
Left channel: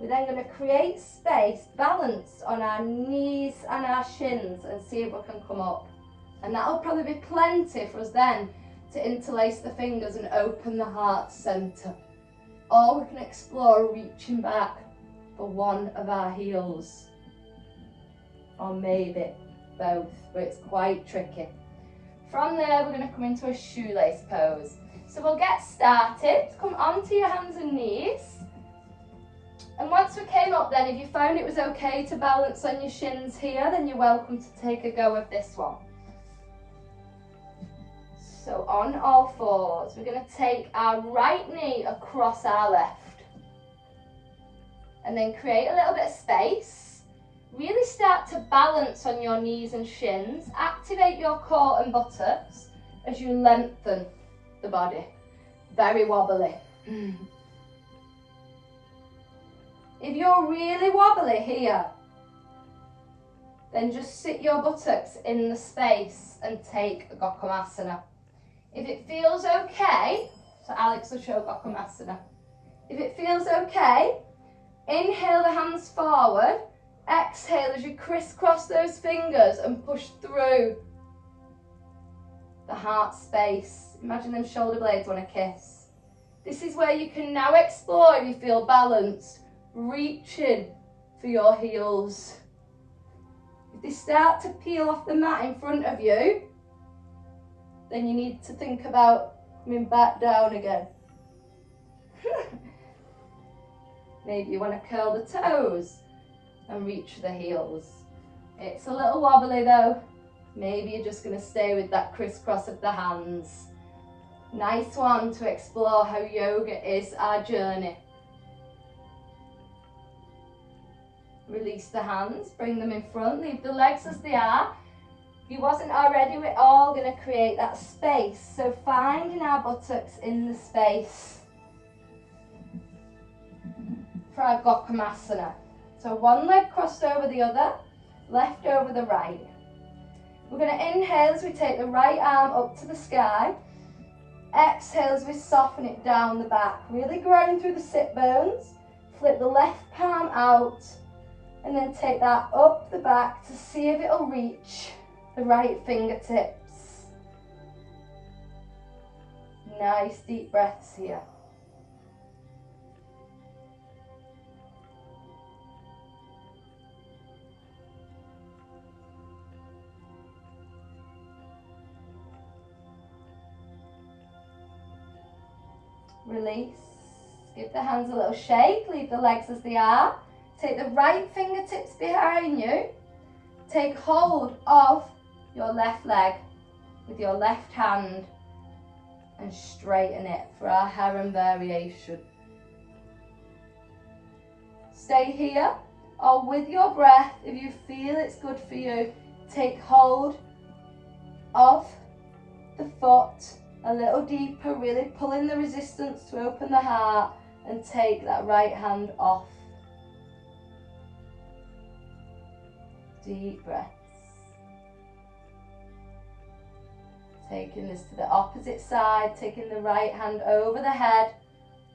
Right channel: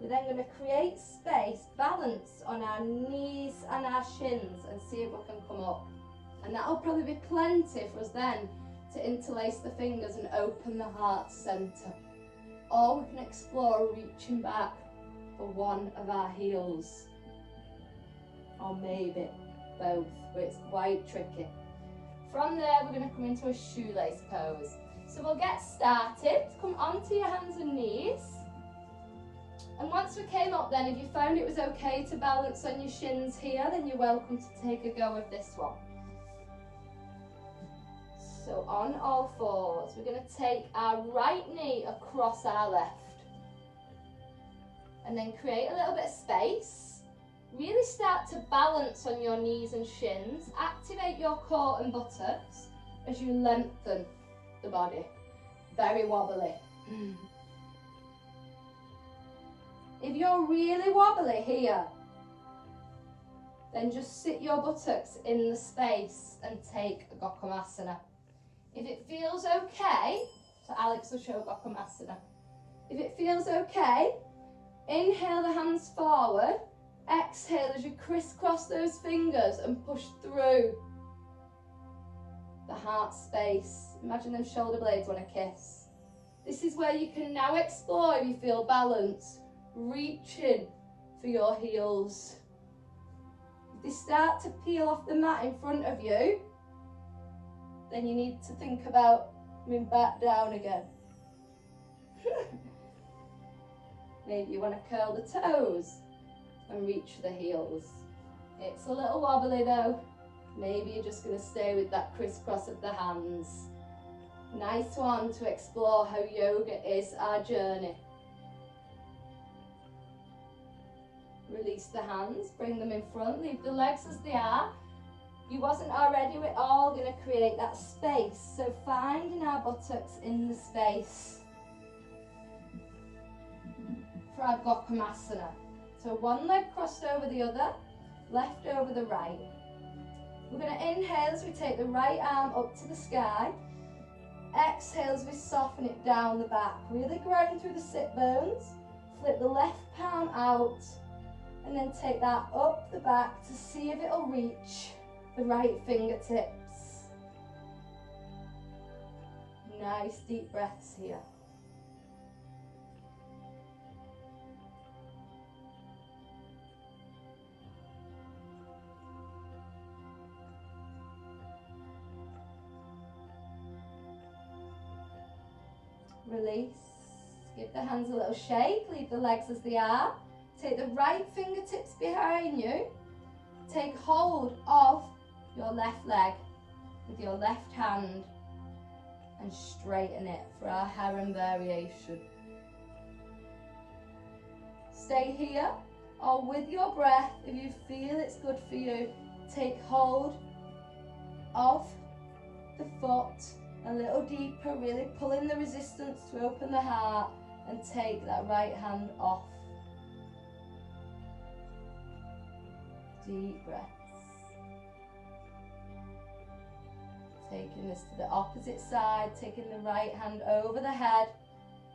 We're then going to create space, balance on our knees and our shins, and see if we can come up. And that'll probably be plenty for us then to interlace the fingers and open the heart centre. Or we can explore reaching back for one of our heels. Or maybe both, but it's quite tricky. From there, we're going to come into a shoelace pose. So we'll get started. Come onto your hands and knees. And once we came up then, if you found it was okay to balance on your shins here, then you're welcome to take a go of this one. So on all fours, we're going to take our right knee across our left. And then create a little bit of space. Really start to balance on your knees and shins. Activate your core and buttocks as you lengthen the body. Very wobbly. If you're really wobbly here, then just sit your buttocks in the space and take a Gokumasana. If it feels okay, so Alex will show Gokumasana. If it feels okay, inhale the hands forward, exhale as you crisscross those fingers and push through the heart space. Imagine them shoulder blades want to kiss. This is where you can now explore, if you feel balanced, reaching for your heels. If they start to peel off the mat in front of you, then you need to think about coming back down again. Maybe you want to curl the toes and reach for the heels. It's a little wobbly though. Maybe you're just going to stay with that crisscross of the hands. Nice one to explore how yoga is our journey. Release the hands, bring them in front, leave the legs as they are. If you wasn't already, we're all going to create that space. So finding our buttocks in the space for our Gokumasana. So one leg crossed over the other, left over the right. We're going to inhale as we take the right arm up to the sky. Exhale as we soften it down the back. Really ground through the sit bones. Flip the left palm out. And then take that up the back to see if it'll reach the right fingertips. Nice deep breaths here. Release. Give the hands a little shake. Leave the legs as they are. Take the right fingertips behind you. Take hold of your left leg with your left hand and straighten it for our heron variation. Stay here, or with your breath, if you feel it's good for you, take hold of the foot a little deeper, really pulling the resistance to open the heart, and take that right hand off. Deep breaths. Taking this to the opposite side, taking the right hand over the head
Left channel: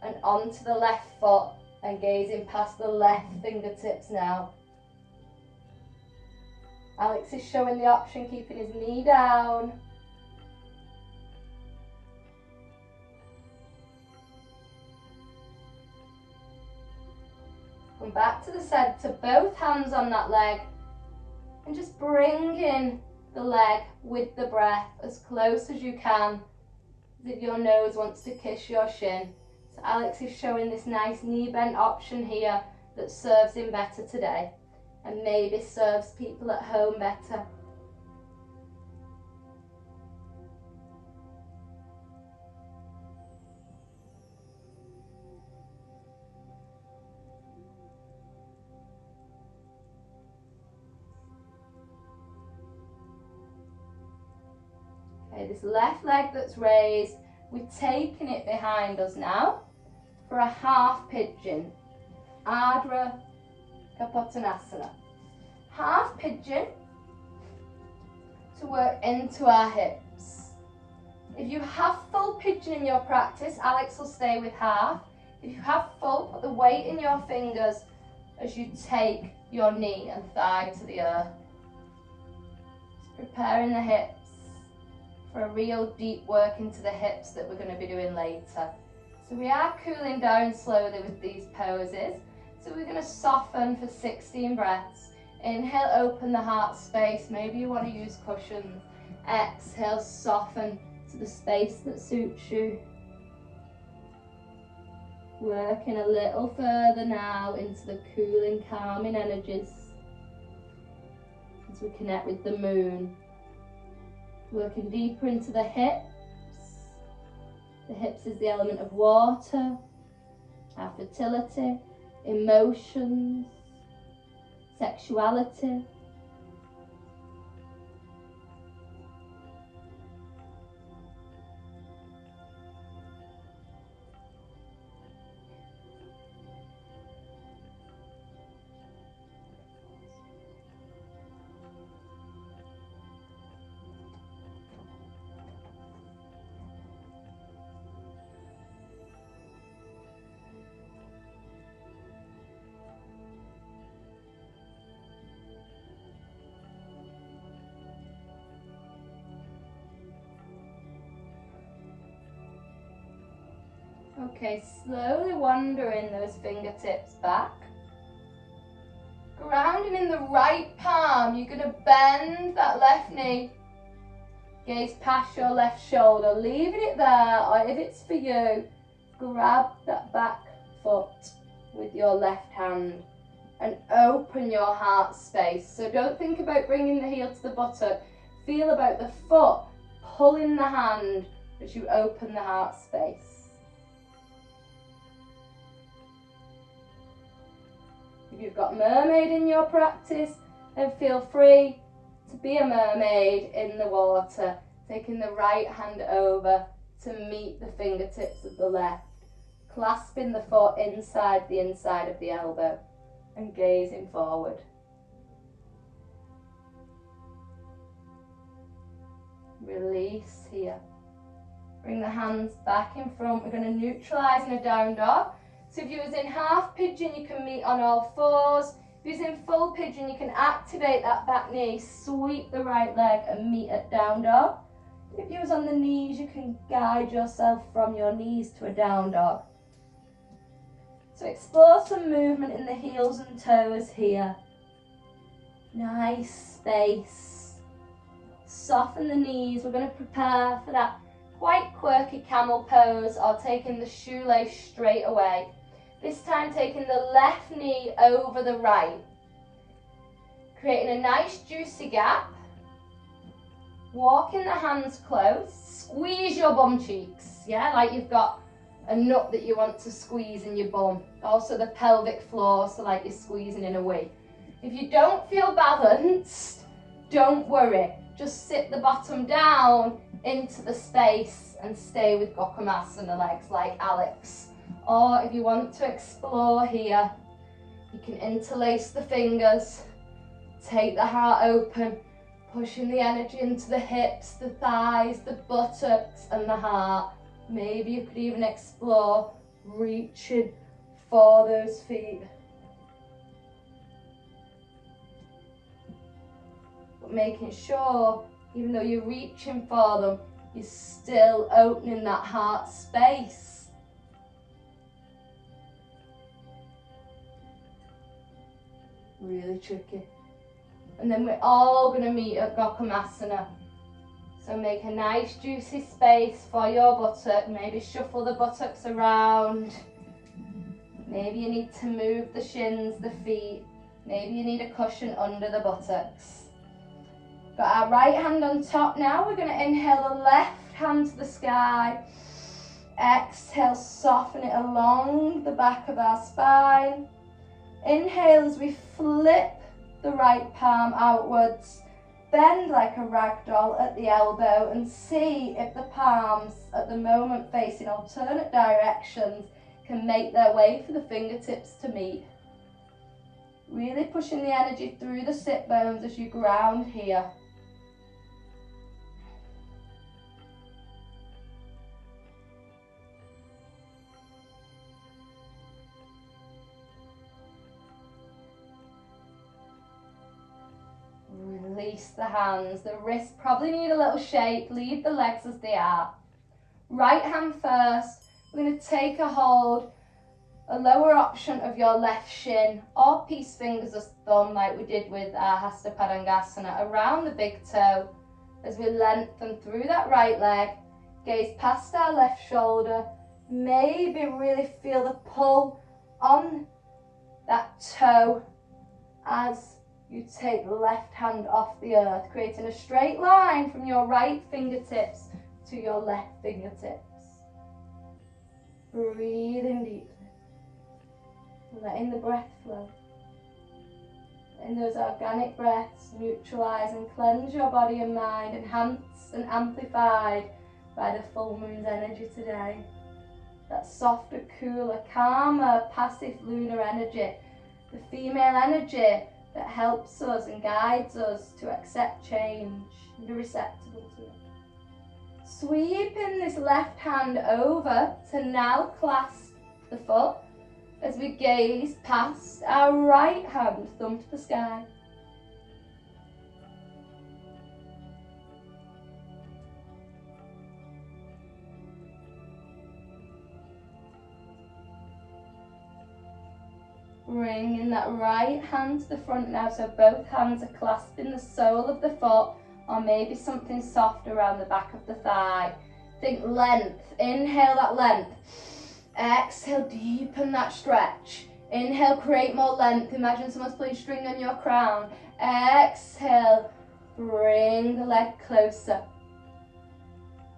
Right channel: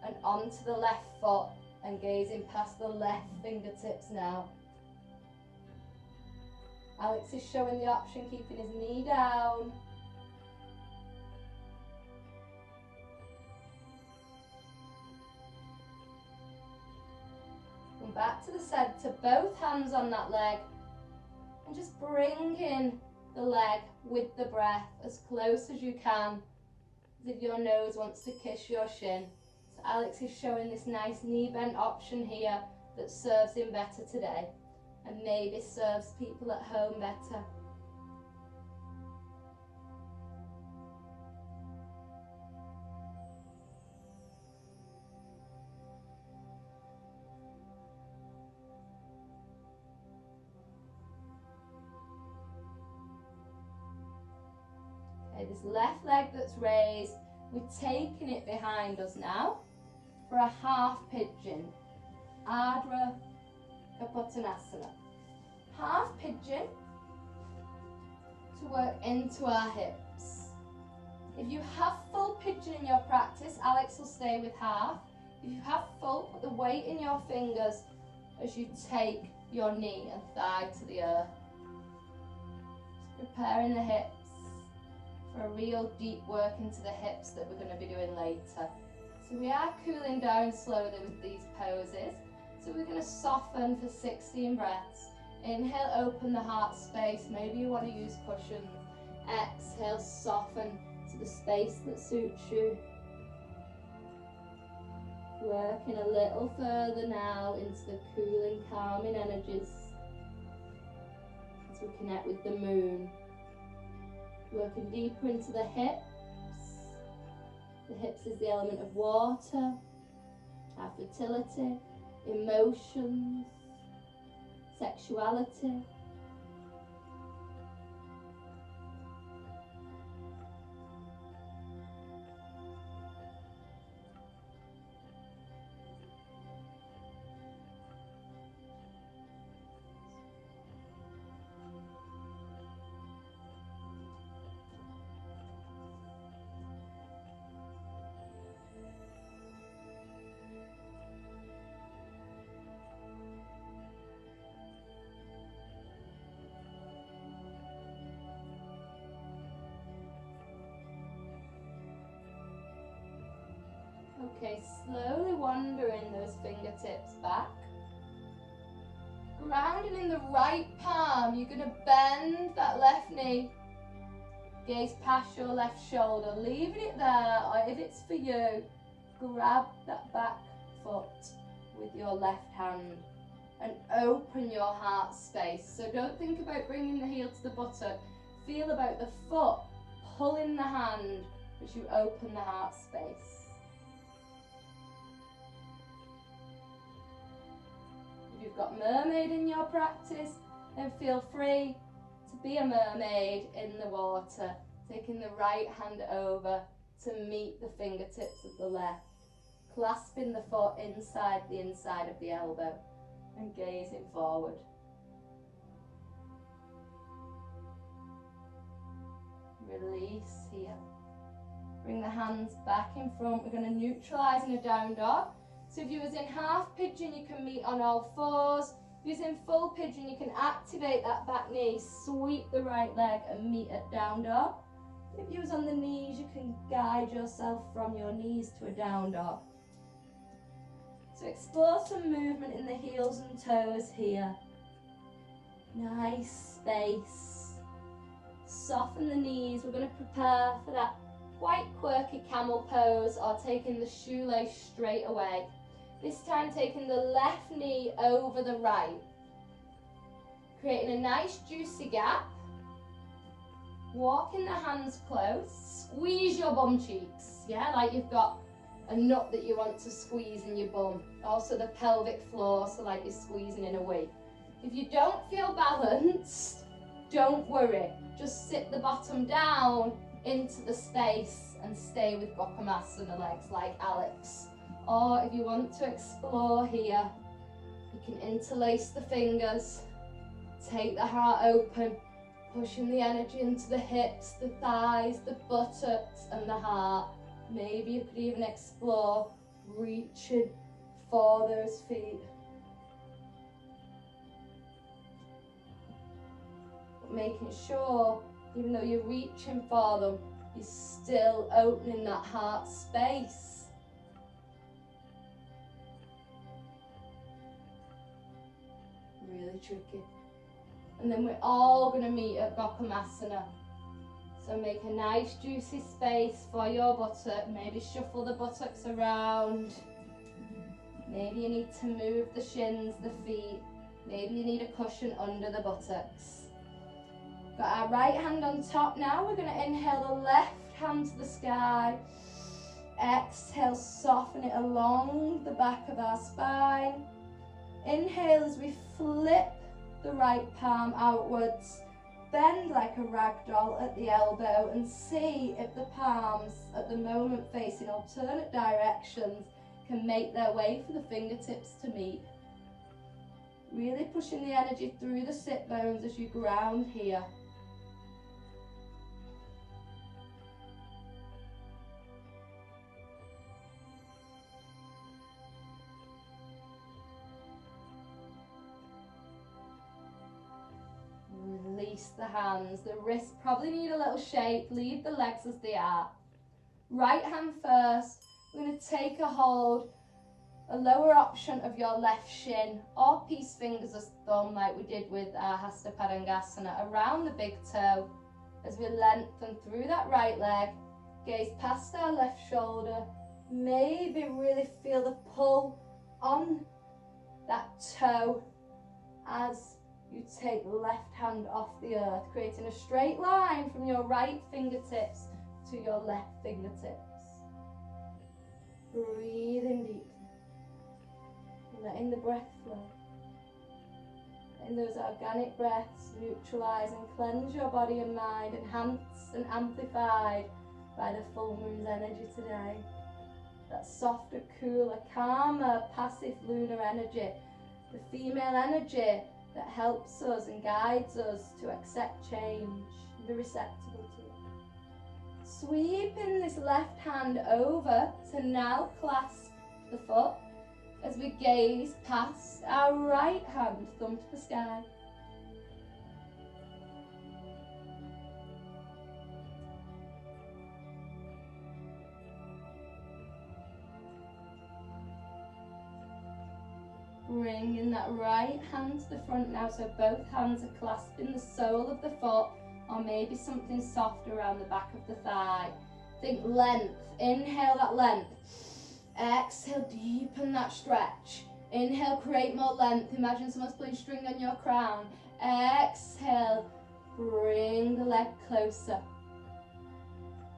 and onto the left foot and gazing past the left fingertips now. Alex is showing the option, keeping his knee down. Come back to the center, both hands on that leg, and just bring in the leg with the breath as close as you can, as if your nose wants to kiss your shin. So Alex is showing this nice knee bent option here that serves him better today, and maybe serves people at home better. Okay, this left leg that's raised, we're taking it behind us now for a half pigeon. Ardha Kapotanasana. Half pigeon to work into our hips. If you have full pigeon in your practice, Alex will stay with half. If you have full, put the weight in your fingers as you take your knee and thigh to the earth. Just preparing the hips for a real deep work into the hips that we're going to be doing later. So we are cooling down slowly with these poses. So we're going to soften for 16 breaths. Inhale, open the heart space. Maybe you want to use cushions. Exhale, soften to the space that suits you. Working a little further now into the cooling, calming energies as we connect with the moon. Working deeper into the hips. The hips is the element of water, our fertility, emotions, sexuality. Okay, slowly wandering those fingertips back. Grounding in the right palm, you're going to bend that left knee. Gaze past your left shoulder, leaving it there, or if it's for you, grab that back foot with your left hand and open your heart space. So don't think about bringing the heel to the buttock. Feel about the foot pulling the hand as you open the heart space. If you've got mermaid in your practice, then feel free to be a mermaid in the water, taking the right hand over to meet the fingertips of the left, clasping the foot inside the inside of the elbow and gazing forward. Release here. Bring the hands back in front. We're going to neutralise in a down dog. So if you're in half pigeon, you can meet on all fours. If you're in full pigeon, you can activate that back knee, sweep the right leg and meet at down dog. If you're on the knees, you can guide yourself from your knees to a down dog. So explore some movement in the heels and toes here. Nice space. Soften the knees. We're going to prepare for that quite quirky camel pose, or taking the shoelace straight away. This time taking the left knee over the right. Creating a nice juicy gap. Walking the hands close. Squeeze your bum cheeks. yeah, like you've got a nut that you want to squeeze in your bum. Also the pelvic floor, so like you're squeezing in a wee. If you don't feel balanced, don't worry. Just sit the bottom down into the space and stay with Gokumasana legs like Alex. Or if you want to explore here, you can interlace the fingers, take the heart open, pushing the energy into the hips, the thighs, the buttocks and the heart. Maybe you could even explore reaching for those feet. But making sure, even though you're reaching for them, you're still opening that heart space. Really tricky. And then we're all going to meet at Gokumasana. So make a nice juicy space for your buttock. Maybe shuffle the buttocks around. Maybe you need to move the shins, the feet. Maybe you need a cushion under the buttocks. Got our right hand on top now. We're going to inhale the left hand to the sky. Exhale, soften it along the back of our spine. Inhale as we flip the right palm outwards. Bend like a rag doll at the elbow and see if the palms at the moment facing alternate directions can make their way for the fingertips to meet. Really pushing the energy through the sit bones as you ground here. Release the hands, the wrists probably need a little shake, leave the legs as they are. Right hand first, we're going to take a hold, a lower option of your left shin or peace fingers as thumb like we did with our Hasta Padangasana around the big toe as we lengthen through that right leg, gaze past our left shoulder, maybe really feel the pull on that toe as you take the left hand off the earth, creating a straight line from your right fingertips to your left fingertips. Breathing deep. Letting the breath flow. Letting those organic breaths neutralize and cleanse your body and mind, enhanced and amplified by the full moon's energy today. That softer, cooler, calmer, passive lunar energy. The female energy that helps us and guides us to accept change and be receptible to it. Sweeping this left hand over to now clasp the foot as we gaze past our right hand, thumb to the sky. Bringing that right hand to the front now, so both hands are clasping the sole of the foot, or maybe something soft around the back of the thigh. Think length. Inhale that length. Exhale, deepen that stretch. Inhale, create more length. Imagine someone's playing string on your crown. Exhale, bring the leg closer.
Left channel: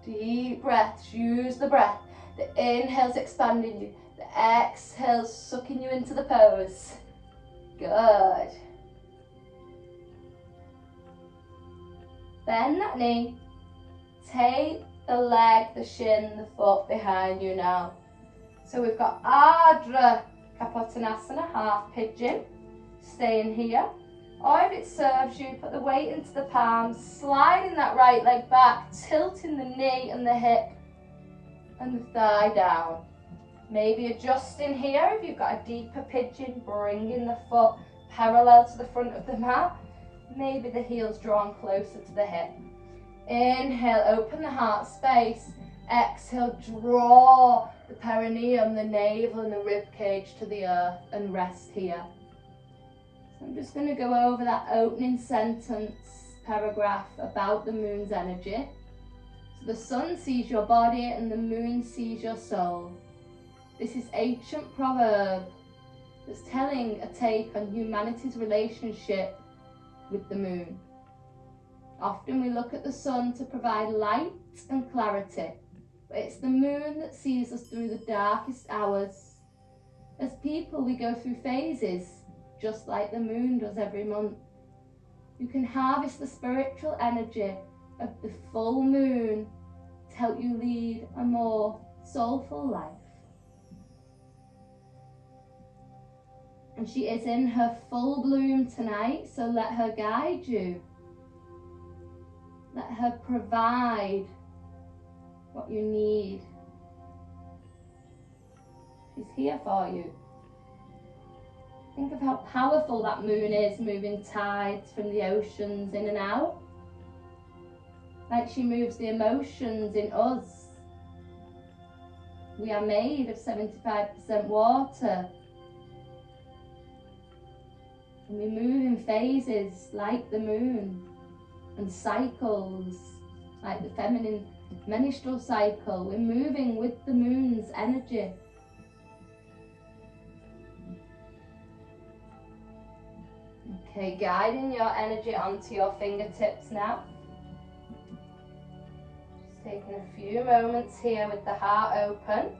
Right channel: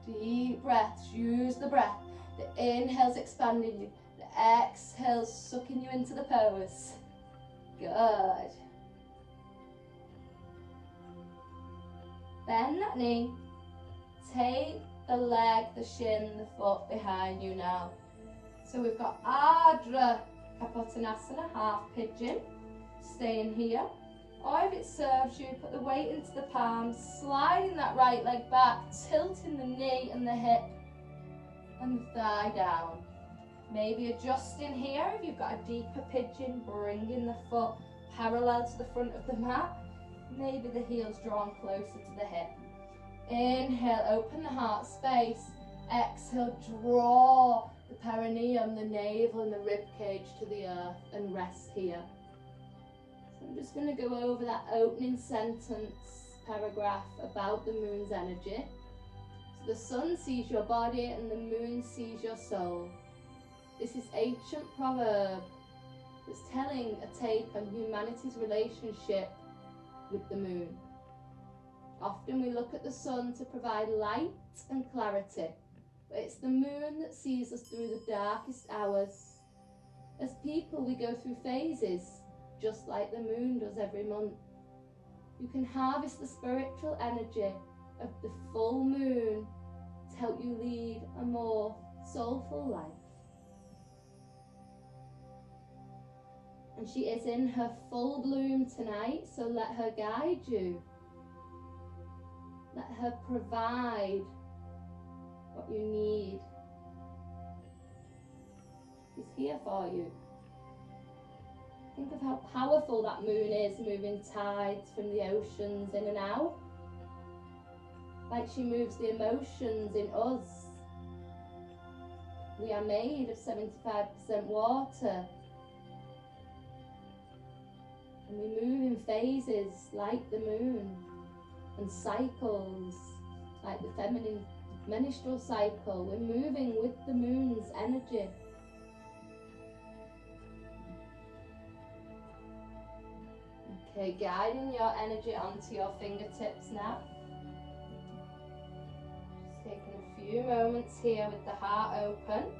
Deep breaths. Use the breath. The inhale's expanding you. The exhale's sucking you into the pose. Good. Bend that knee. Take the leg, the shin, the foot behind you now. So we've got Ardha Kapotanasana, half pigeon. Staying here. Or if it serves you, put the weight into the palms, sliding that right leg back, tilting the knee and the hip and the thigh down. Maybe adjusting here if you've got a deeper pigeon, bringing the foot parallel to the front of the mat. Maybe the heel's drawn closer to the hip. Inhale, open the heart space. Exhale, draw the perineum, the navel and the rib cage to the earth and rest here. So I'm just going to go over that opening sentence, paragraph about the moon's energy. So the sun sees your body and the moon sees your soul. This is ancient proverb that's telling a take on humanity's relationship with the moon. Often we look at the sun to provide light and clarity, But it's the moon that sees us through the darkest hours. As people, we go through phases, just like the moon does every month. You can harvest the spiritual energy of the full moon to help you lead a more soulful life. And she is in her full bloom tonight, so let her guide you. Let her provide what you need. She's here for you. Think of how powerful that moon is, moving tides from the oceans in and out. Like she moves the emotions in us. We are made of 75% water. And we move in phases like the moon, and cycles like the feminine menstrual cycle. We're moving with the moon's energy. Okay, guiding your energy onto your fingertips now. Just taking a few moments here with the heart open,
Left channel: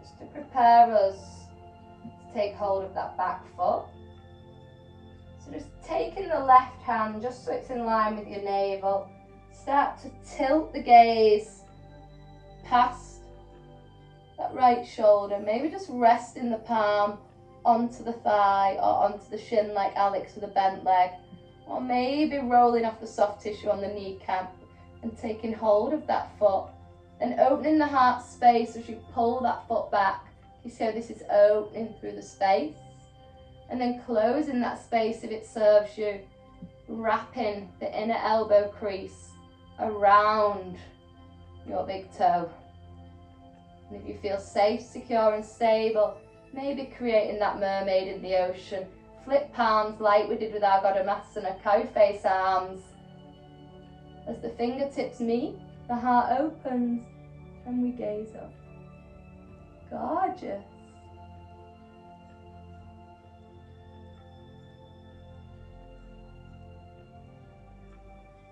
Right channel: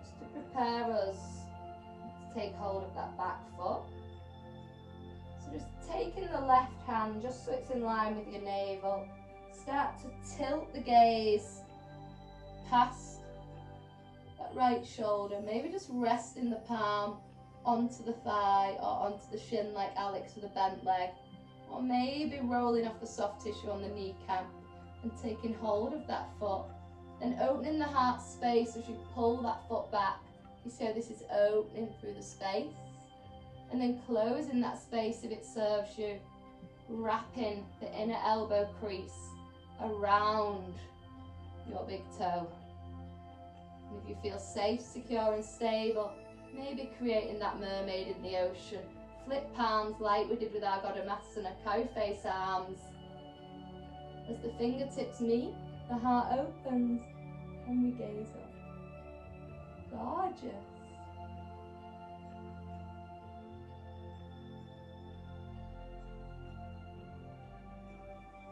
just to prepare us to take hold of that back foot. So just taking the left hand, just so it's in line with your navel, start to tilt the gaze past that right shoulder, maybe just resting the palm onto the thigh or onto the shin like Alex with a bent leg, or maybe rolling off the soft tissue on the kneecap and taking hold of that foot, then opening the heart space as you pull that foot back. You see how this is opening through the space, and then closing that space if it serves you, wrapping the inner elbow crease around your big toe. And if you feel safe, secure and stable, maybe creating that mermaid in the ocean. Flip palms like we did with our Godamasana, cow face arms. As the fingertips meet, the heart opens and we gaze up. Gorgeous.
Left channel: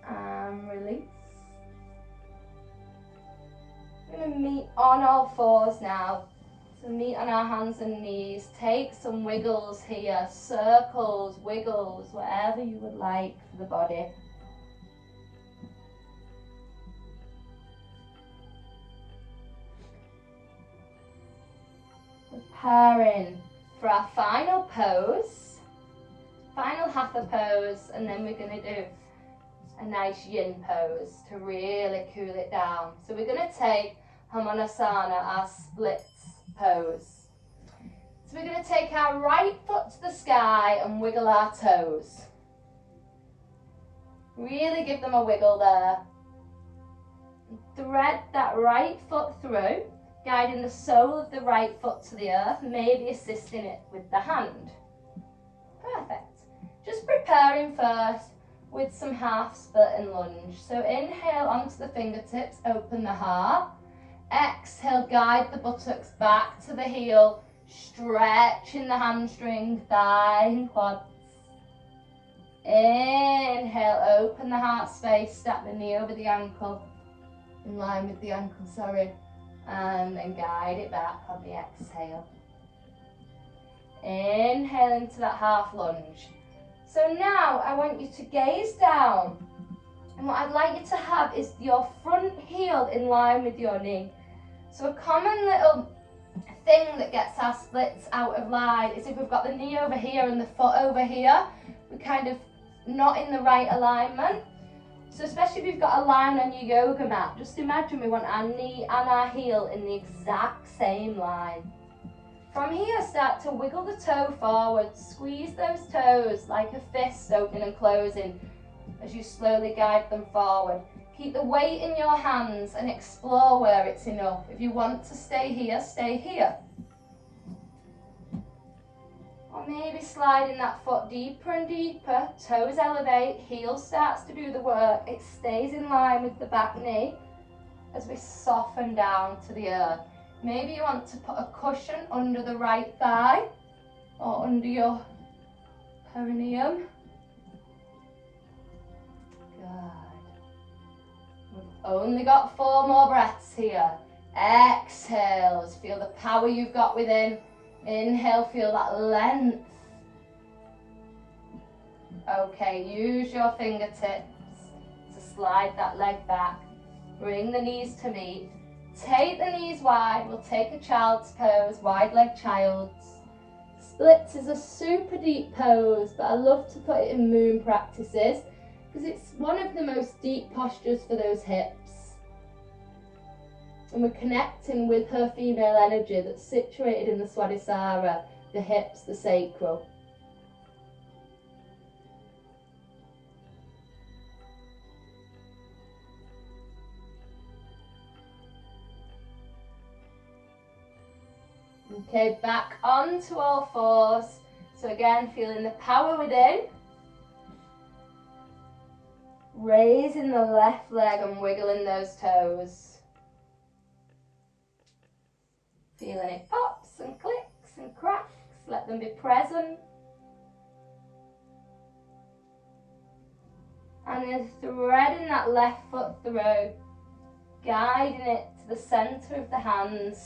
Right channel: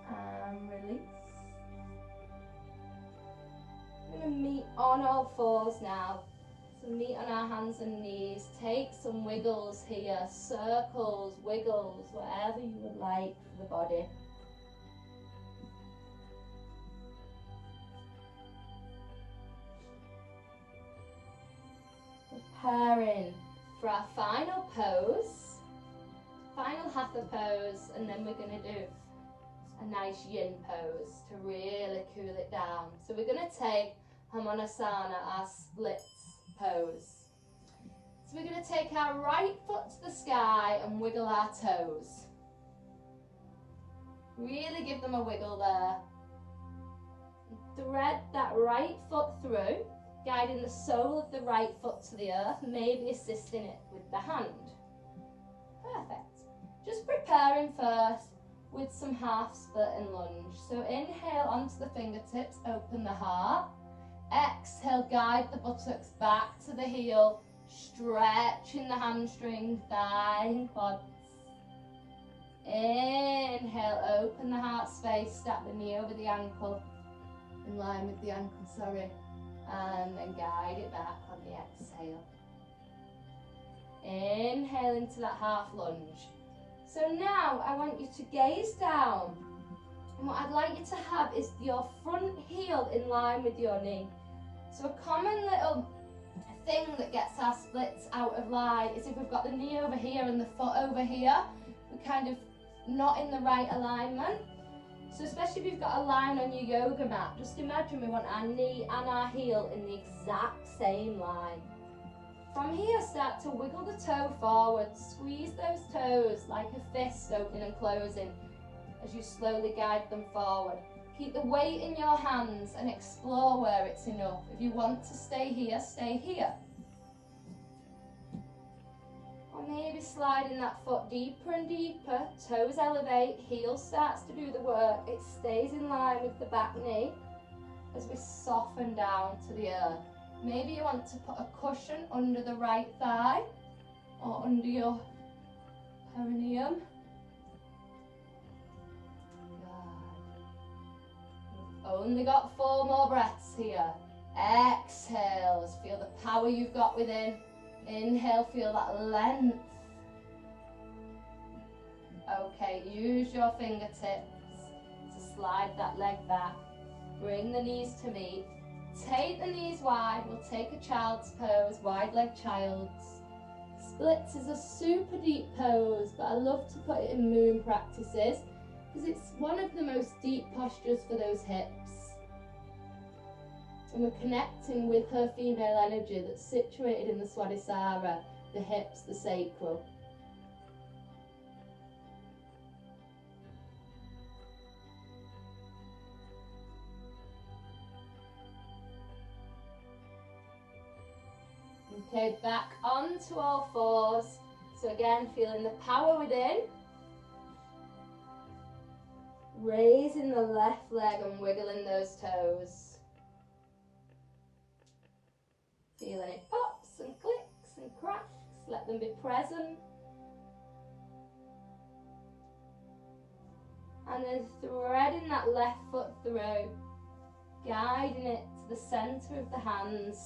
And release. We're going to meet on all fours now. So meet on our hands and knees. Take some wiggles here, circles, wiggles, whatever you would like for the body. Preparing for our final pose, final hatha pose, and then we're going to do a nice yin pose to really cool it down. So we're going to take Hamanasana, our splits pose. So we're going to take our right foot to the sky and wiggle our toes. Really give them a wiggle there. Thread that right foot through, guiding the sole of the right foot to the earth, maybe assisting it with the hand. Perfect. Just preparing first with some half split and lunge. So inhale onto the fingertips, open the heart. Exhale, guide the buttocks back to the heel, stretching the hamstring, thigh and quads. Inhale, open the heart space, stack the knee over the ankle, in line with the ankle, and then guide it back on the exhale. Inhale into that half lunge. So now I want you to gaze down, and what I'd like you to have is your front heel in line with your knee. So a common little thing that gets our splits out of line is if we've got the knee over here and the foot over here, we're kind of not in the right alignment. So especially if you've got a line on your yoga mat, just imagine we want our knee and our heel in the exact same line. From here, start to wiggle the toe forward, squeeze those toes like a fist opening and closing as you slowly guide them forward. Keep the weight in your hands and explore where it's enough. If you want to stay here, stay here. Or maybe sliding that foot deeper and deeper, toes elevate, heel starts to do the work. It stays in line with the back knee as we soften down to the earth. Maybe you want to put a cushion under the right thigh or under your perineum. Good. We've only got 4 more breaths here. Exhale, just feel the power you've got within. Inhale, feel that length. Okay, use your fingertips to slide that leg back. Bring the knees to meet. Take the knees wide. We'll take a child's pose, wide leg child's. Splits is a super deep pose, but I love to put it in moon practices because it's one of the most deep postures for those hips. And we're connecting with her female energy that's situated in the Swadhisthana, the hips, the sacral. Okay, back onto all fours. So again, feeling the power within. Raising the left leg and wiggling those toes. Feeling it pops and clicks and cracks. Let them be present. And then threading that left foot through. Guiding it to the centre of the hands.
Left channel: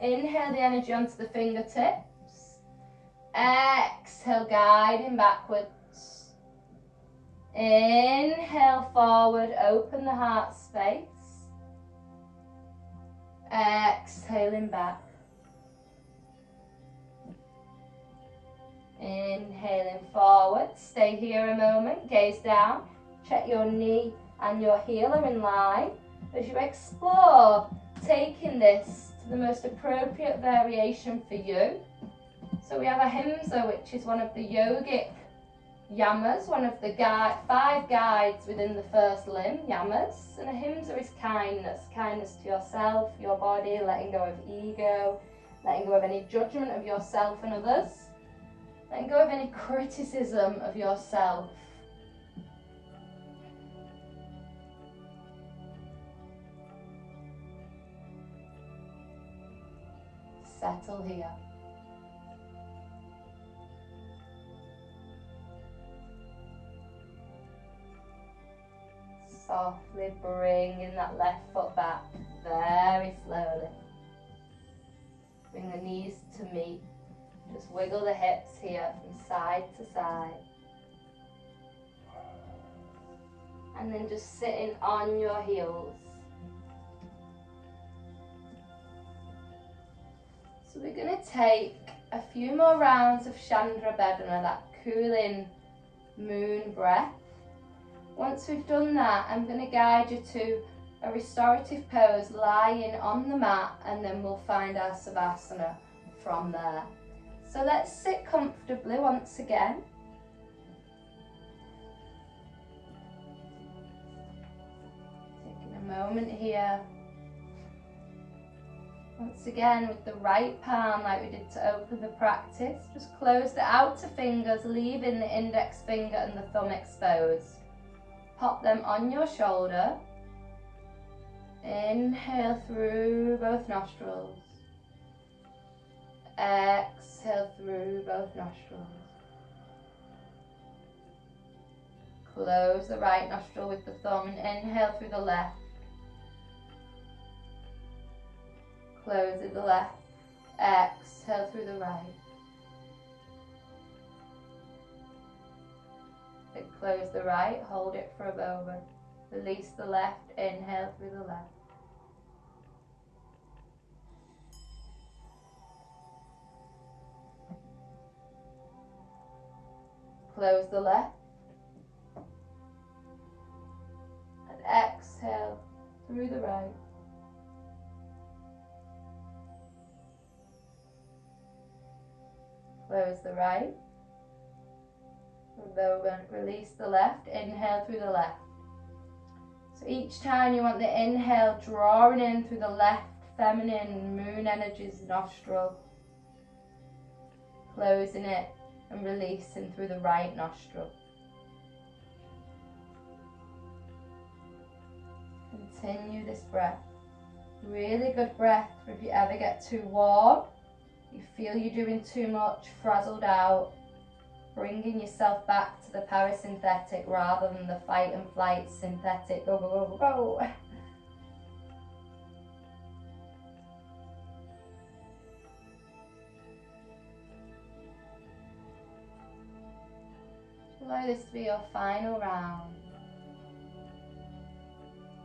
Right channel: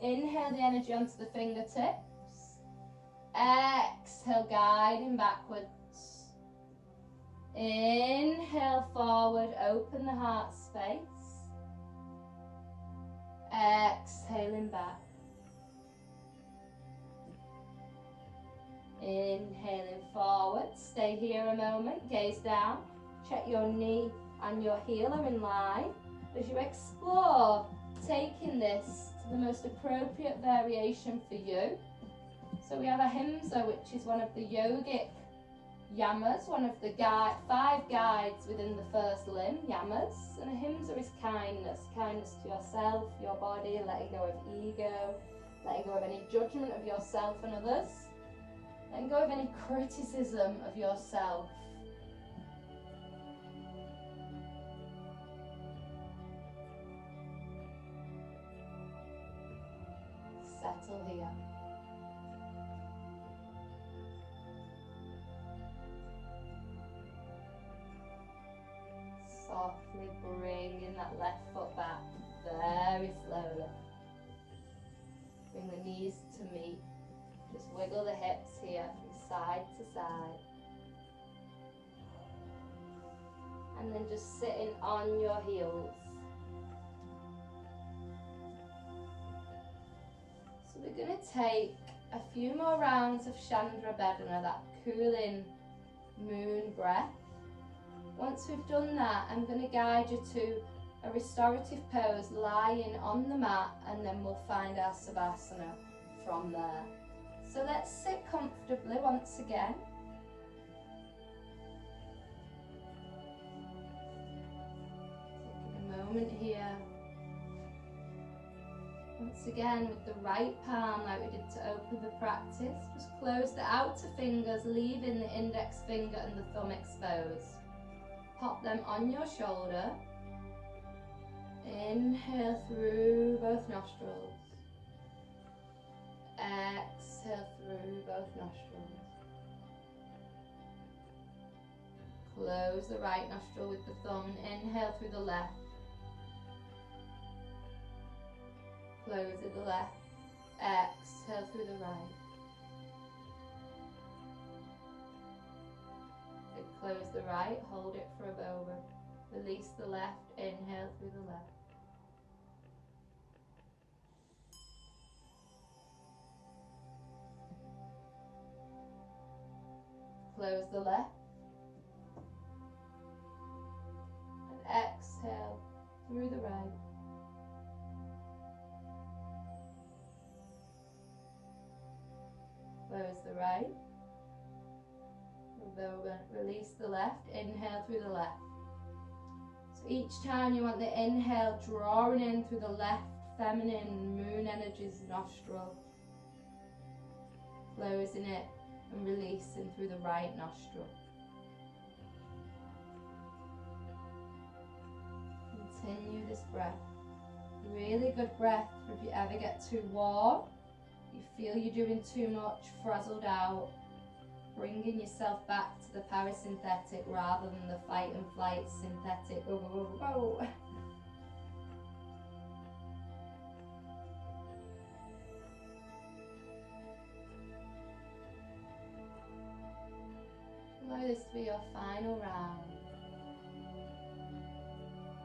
Inhale the energy onto the fingertips. Exhale, guiding backwards. Inhale forward, open the heart space. Exhaling back. Inhaling forward, stay here a moment, gaze down. Check your knee and your heel are in line. As you explore taking this to the most appropriate variation for you. So we have Ahimsa, which is one of the yogic yamas, one of the 5 guides within the first limb, yamas. And Ahimsa is kindness, kindness to yourself, your body, letting go of ego, letting go of any judgment of yourself and others, letting go of any criticism of yourself. Settle here. Softly bringing that left foot back, very slowly. Bring the knees to meet. Just wiggle the hips here from side to side. And then just sitting on your heels. So we're going to take a few more rounds of Chandra Bedana, that cooling moon breath. Once we've done that, I'm going to guide you to a restorative pose, lying on the mat, and then we'll find our Savasana from there. So let's sit comfortably once again. Taking a moment here. Once again with the right palm, like we did to open the practice, just close the outer fingers, leaving the index finger and the thumb exposed. Pop them on your shoulder. Inhale through both nostrils. Exhale through both nostrils. Close the right nostril with the thumb and inhale through the left. Close it the left. Exhale through the right. Then close the right, hold it for a moment. Release the left, inhale through the left. Close the left. And exhale through the right. Close the right. Release the left, inhale through the left. So each time you want the inhale drawing in through the left feminine moon energies nostril. Closing it and releasing through the right nostril. Continue this breath. Really good breath for if you ever get too warm. You feel you're doing too much, frazzled out. Bringing yourself back to the parasympathetic rather than the fight and flight synthetic. Go, go, go, go, go. for this to be your final round.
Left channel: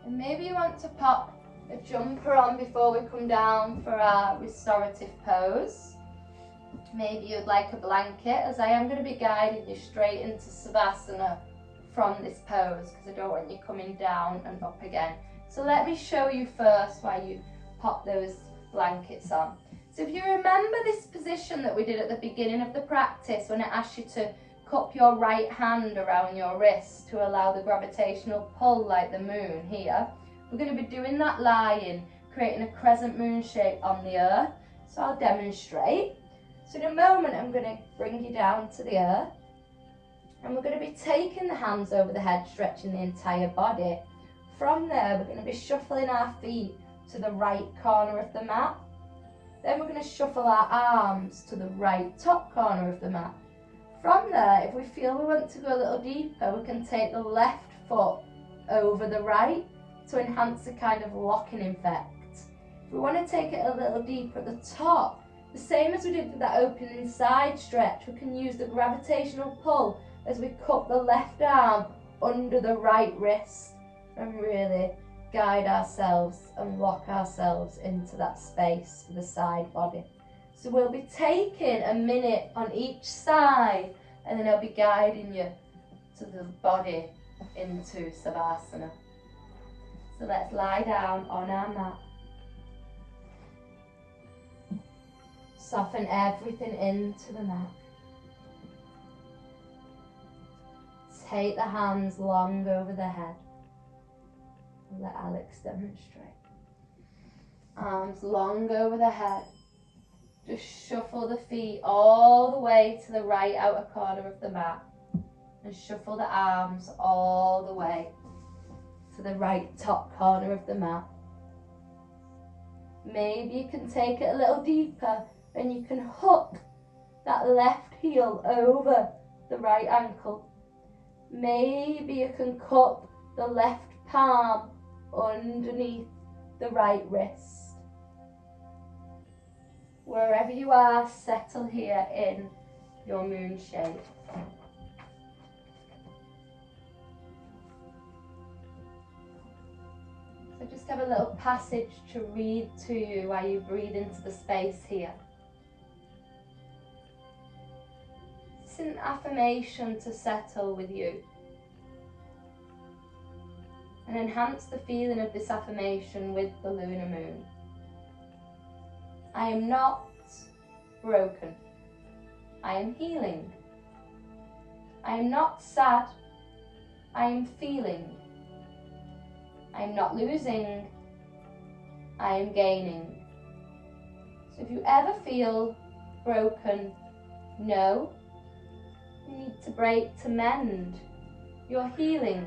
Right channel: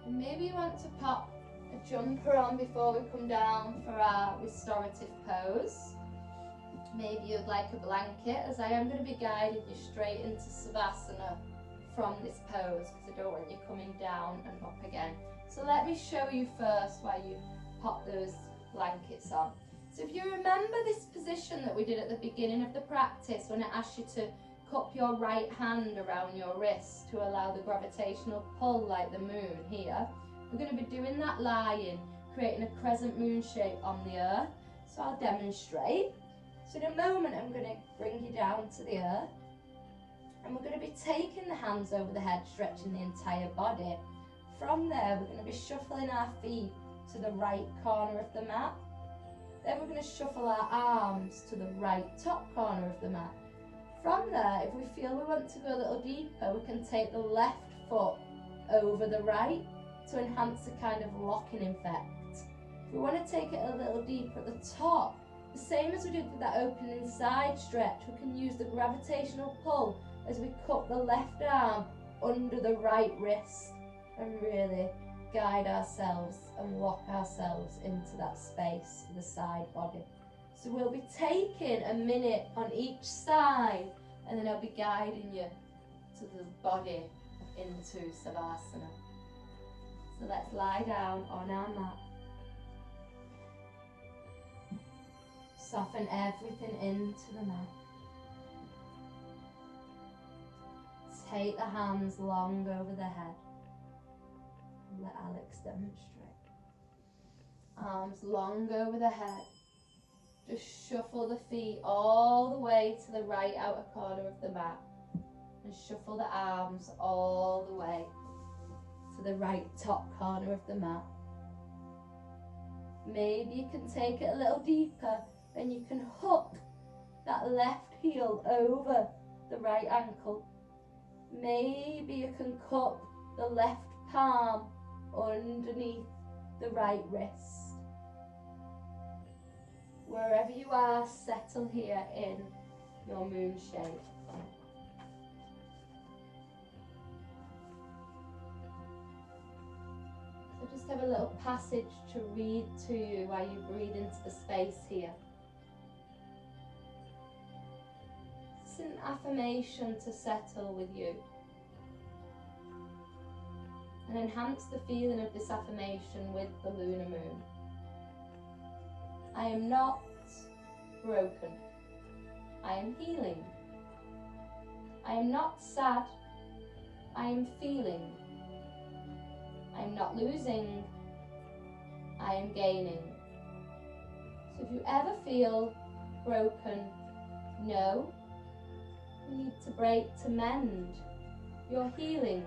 And maybe you want to pop a jumper on before we come down for our restorative pose. Maybe you'd like a blanket, as I am going to be guiding you straight into Savasana from this pose, because I don't want you coming down and up again. So let me show you first why you pop those blankets on. So if you remember this position that we did at the beginning of the practice, when it asked you to cup your right hand around your wrist to allow the gravitational pull like the moon here, we're going to be doing that lying, creating a crescent moon shape on the earth. So I'll demonstrate. So in a moment I'm going to bring you down to the earth, and we're going to be taking the hands over the head, stretching the entire body. From there we're going to be shuffling our feet to the right corner of the mat. Then we're going to shuffle our arms to the right top corner of the mat. From there, if we feel we want to go a little deeper, we can take the left foot over the right to enhance a kind of locking effect. If we want to take it a little deeper at the top, the same as we did with that opening side stretch, we can use the gravitational pull as we cup the left arm under the right wrist and really guide ourselves and lock ourselves into that space for the side body. So we'll be taking a minute on each side, and then I'll be guiding you to the body into Savasana. So let's lie down on our mat. Soften everything into the mat. Take the hands long over the head. Let Alex demonstrate. Arms long over the head. Just shuffle the feet all the way to the right outer corner of the mat. And shuffle the arms all the way to the right top corner of the mat. Maybe you can take it a little deeper and you can hook that left heel over the right ankle. Maybe you can cup the left palm underneath the right wrist. Wherever you are, settle here in your moon shape. So just have a little passage to read to you while you breathe into the space here. It's an affirmation to settle with you and enhance the feeling of this affirmation with the lunar moon. I am not broken. I am healing. I am not sad. I am feeling. I am not losing. I am gaining. So if you ever feel broken, know you need to break to mend. You're healing.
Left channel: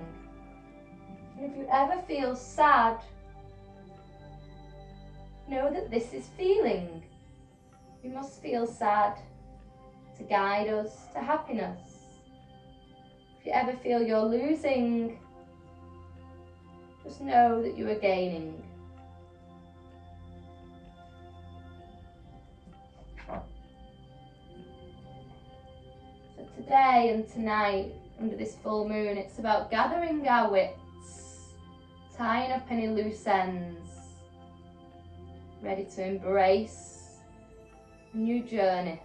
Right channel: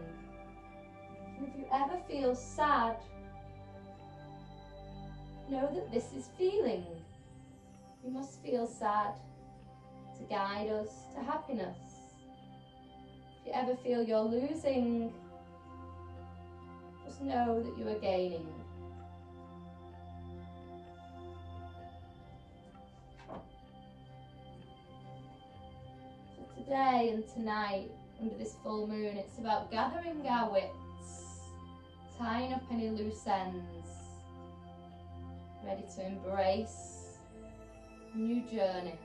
And if you ever feel sad, know that this is feeling. We must feel sad to guide us to happiness. If you ever feel you're losing, just know that you are gaining. So today and tonight, under this full moon, it's about gathering our wits, tying up any loose ends, ready to embrace a new journey.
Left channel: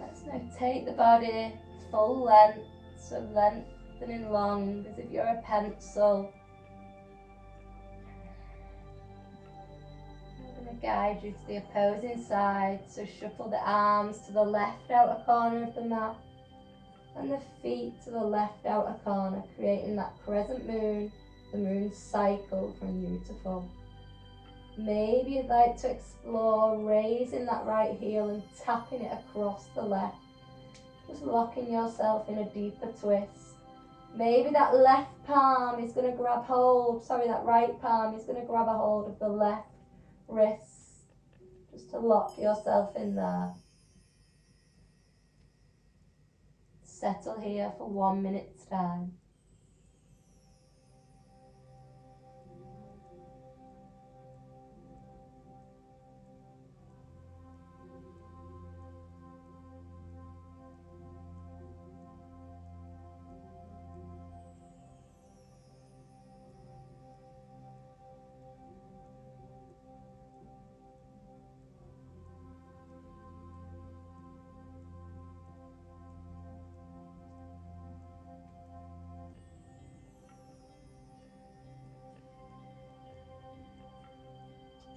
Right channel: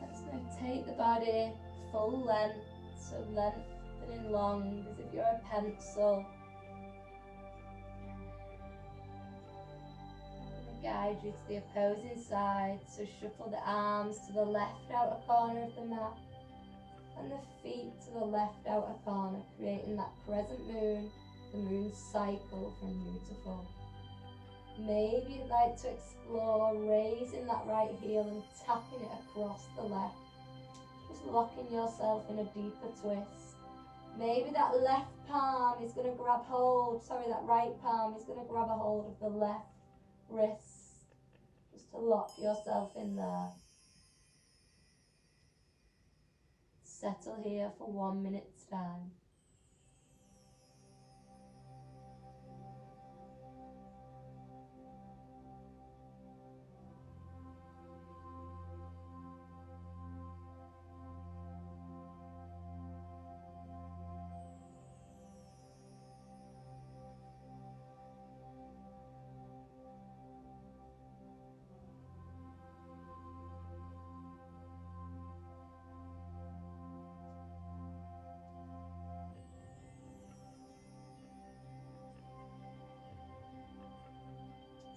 Let's now take the body full length, so lengthening long as if you're a pencil. Guide you to the opposing side, so shuffle the arms to the left outer corner of the mat and the feet to the left outer corner, creating that crescent moon, the moon cycle from you to full. Maybe you'd like to explore raising that right heel and tapping it across the left, just locking yourself in a deeper twist. Maybe that left palm is going to grab hold, that right palm is going to grab a hold of the left wrist, just to lock yourself in there. settle here for 1 minute's time.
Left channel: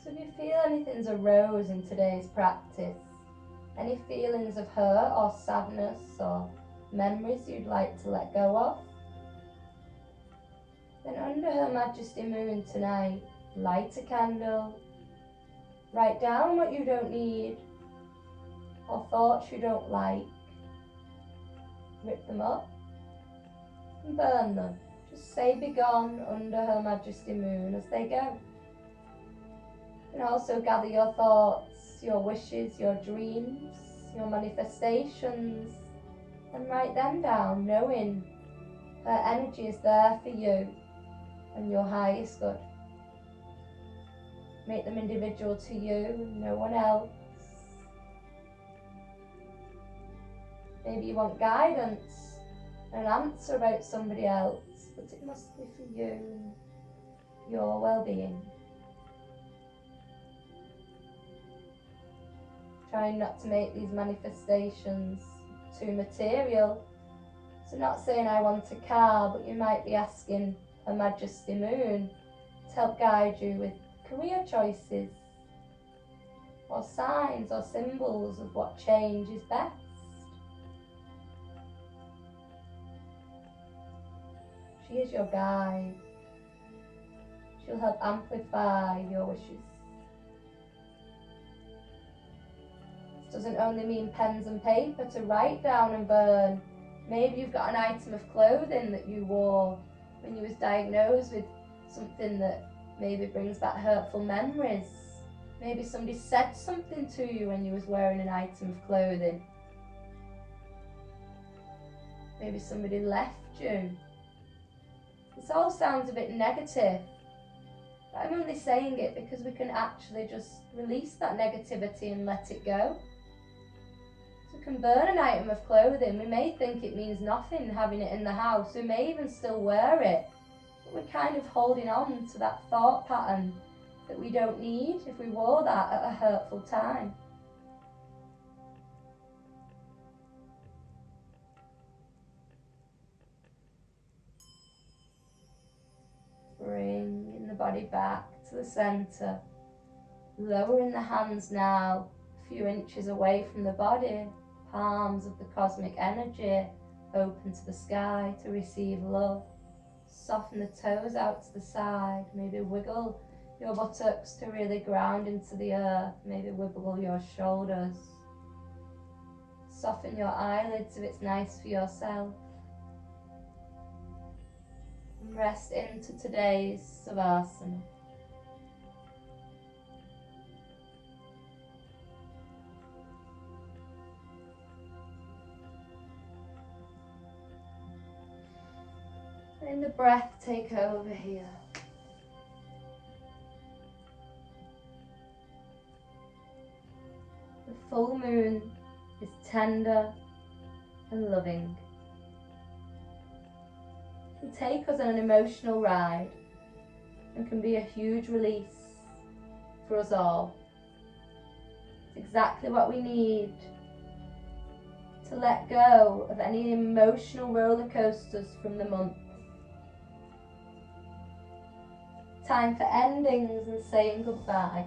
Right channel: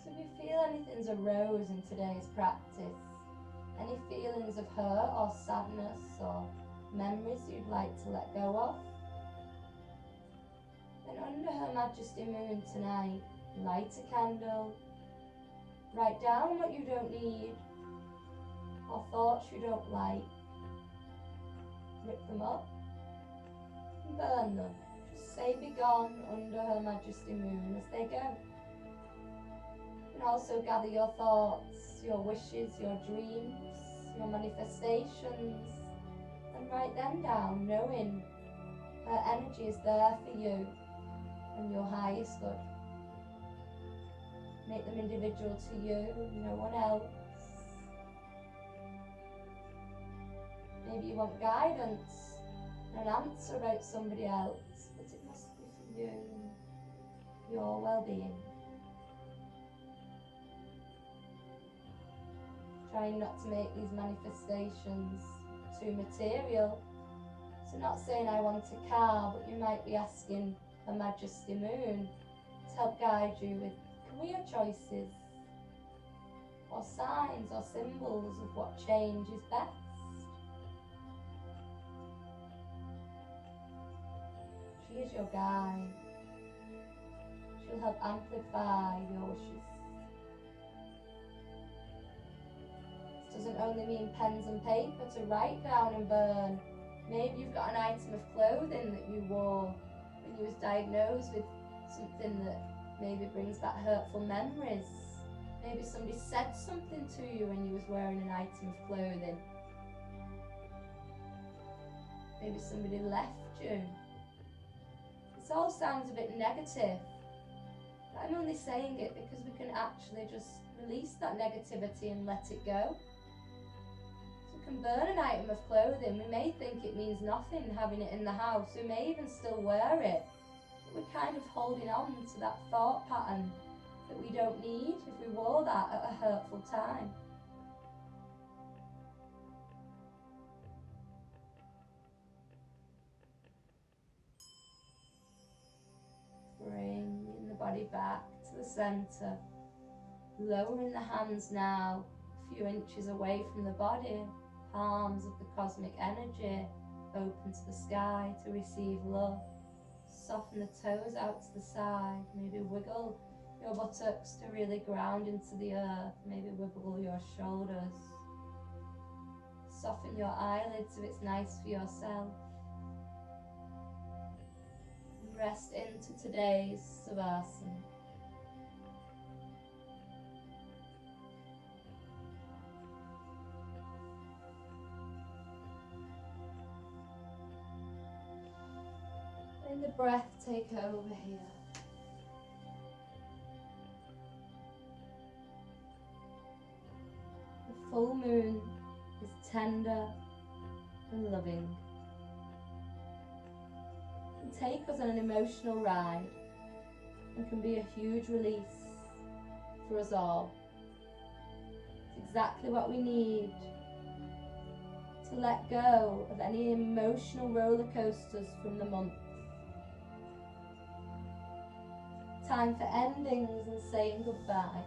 So if you feel anything's arose in today's practice, any feelings of hurt or sadness or memories you'd like to let go of, then under Her Majesty Moon tonight, light a candle, write down what you don't need or thoughts you don't like, rip them up and burn them. Just say begone under Her Majesty Moon as they go. You can also gather your thoughts, your wishes, your dreams, your manifestations, and write them down, knowing her energy is there for you and your highest good. Make them individual to you, no one else. Maybe you want guidance and an answer about somebody else, but it must be for you and your well-being. Trying not to make these manifestations too material. So not saying I want a car, but you might be asking Her Majesty Moon to help guide you with career choices or signs or symbols of what change is best. She is your guide. She'll help amplify your wishes. This doesn't only mean pens and paper to write down and burn. Maybe you've got an item of clothing that you wore when you was diagnosed with something that maybe brings back hurtful memories. Maybe somebody said something to you when you was wearing an item of clothing. Maybe somebody left you. This all sounds a bit negative, but I'm only saying it because we can actually just release that negativity and let it go. So we can burn an item of clothing. We may think it means nothing having it in the house. We may even still wear it, but we're kind of holding on to that thought pattern that we don't need if we wore that at a hurtful time. Bringing the body back to the centre, lowering the hands now a few inches away from the body, palms of the cosmic energy open to the sky to receive love. Soften the toes out to the side, maybe wiggle your buttocks to really ground into the earth, maybe wiggle your shoulders. Soften your eyelids if it's nice for yourself. Rest into today's Savasana. Letting the breath take over here. The full moon is tender and loving. It can take us on an emotional ride and can be a huge release for us all. It's exactly what we need to let go of any emotional roller coasters from the month. Time for endings and saying goodbye.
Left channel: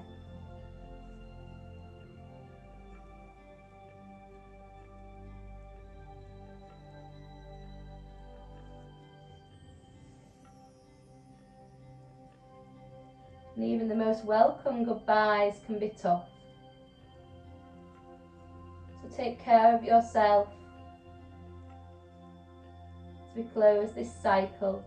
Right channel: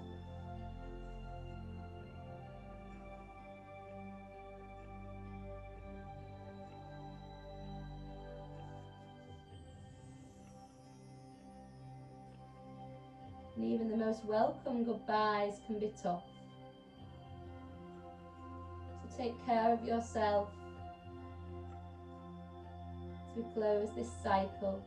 And even the most welcome goodbyes can be tough. So take care of yourself as we close this cycle.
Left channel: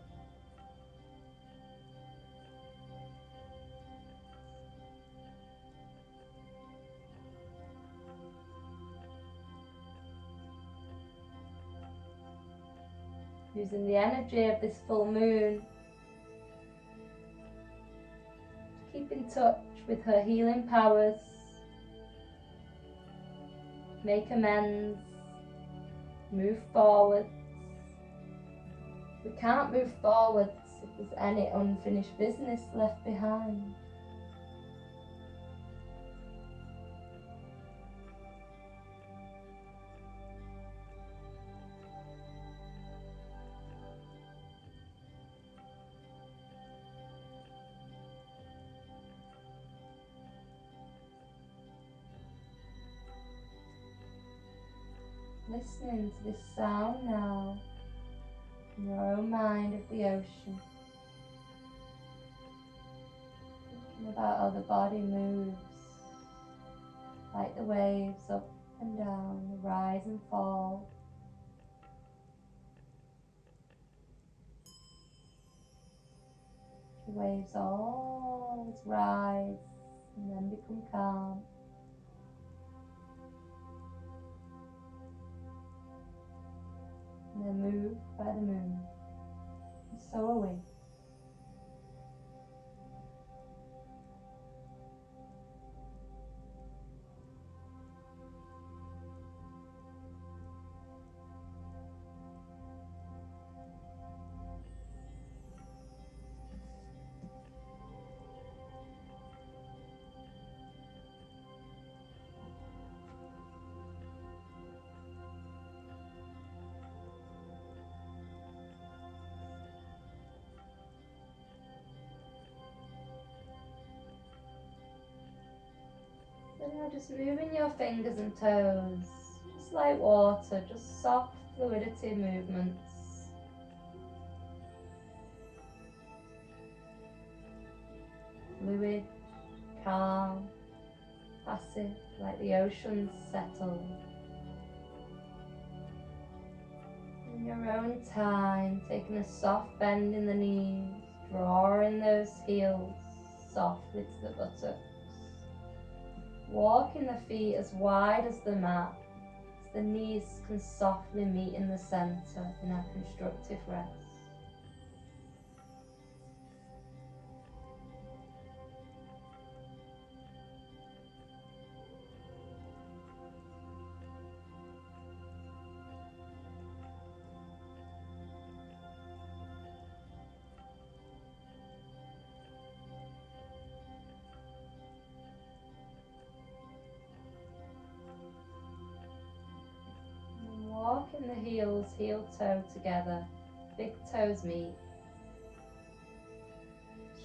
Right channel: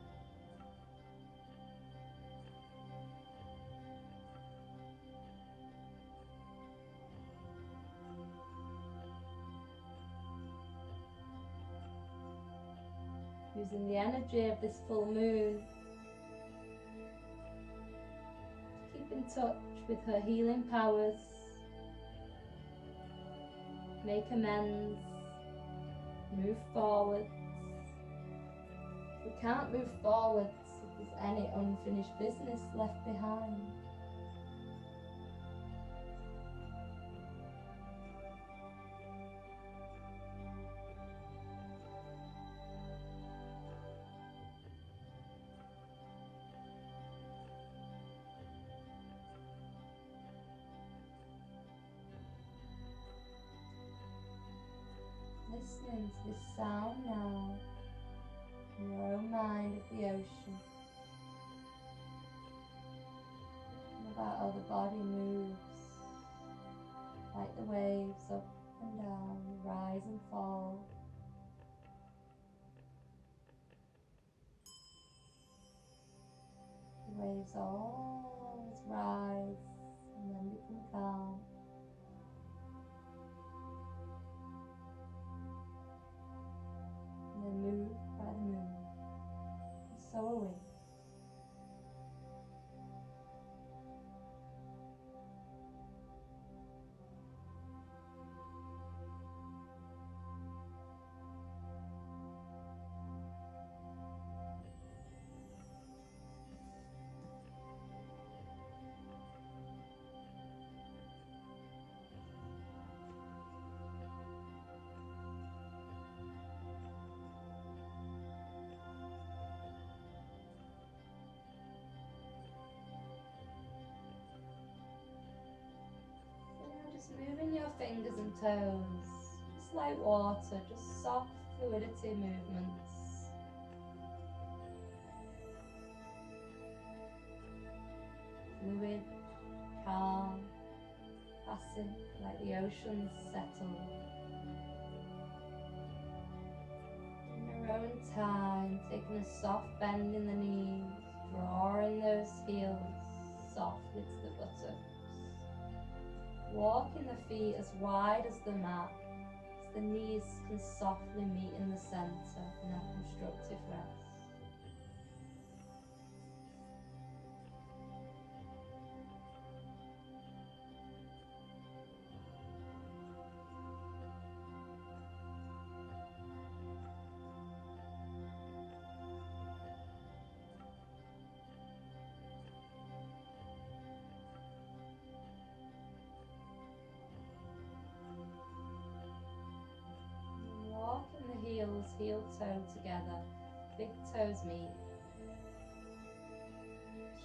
Using the energy of this full moon, keep in touch with her healing powers, make amends, move forward. We can't move forwards if there's any unfinished business left behind. Listening to this sound now in your own mind of the ocean, thinking about how the body moves like the waves up and down, rise and fall. The waves always rise and then become calm. And then moved by the moon, and so are we. Just moving your fingers and toes, just like water, just soft fluidity movements. Fluid, calm, passive, like the oceans settle. In your own time, taking a soft bend in the knees, drawing those heels softly to the buttocks. Walking the feet as wide as the mat, so the knees can softly meet in the centre in a constructive rest. Walking the heels, heel toe together, big toes meet.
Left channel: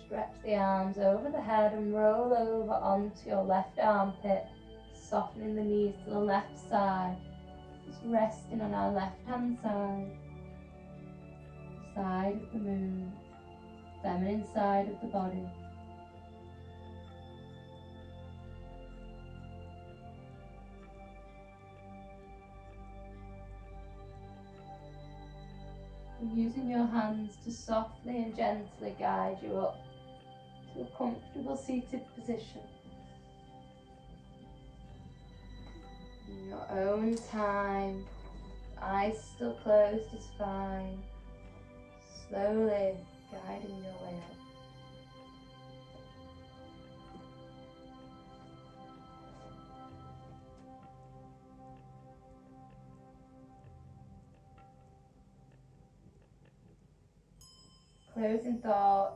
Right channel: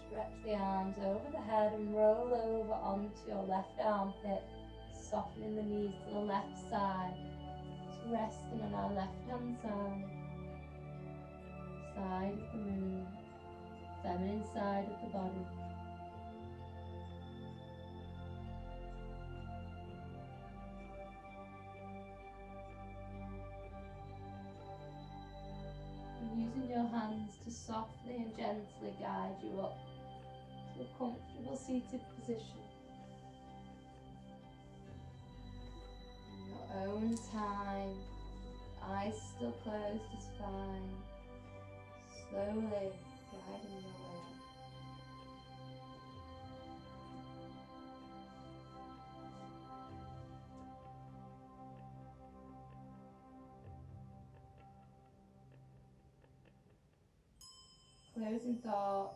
Stretch the arms over the head and roll over onto your left armpit, softening the knees to the left side, just resting on our left hand side. Side of the moon, feminine side of the body. Using your hands to softly and gently guide you up to a comfortable seated position. In your own time, eyes still closed is fine. Slowly guiding your way up. Closing thought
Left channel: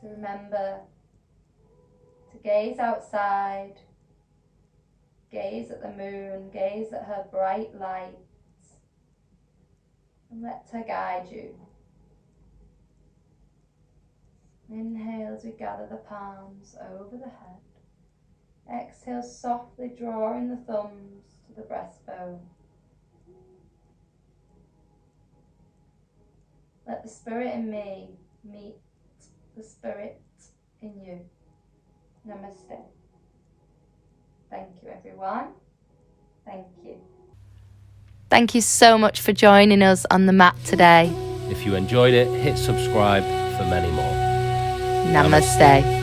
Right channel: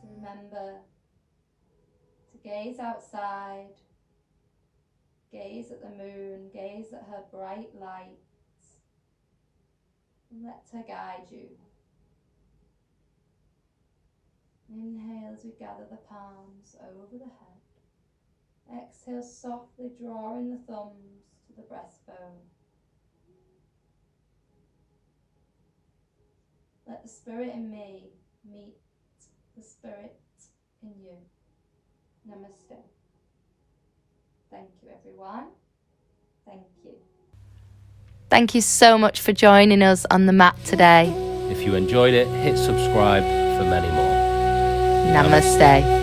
to remember to gaze outside, gaze at the moon, gaze at her bright light, and let her guide you. Inhale as we gather the palms over the head. Exhale, softly drawing the thumbs to the breastbone. Let the spirit in me meet the spirit in you. Namaste. Thank you, everyone. Thank you. Thank you so much for joining us on the mat today. If you enjoyed it, hit subscribe for many more. Namaste.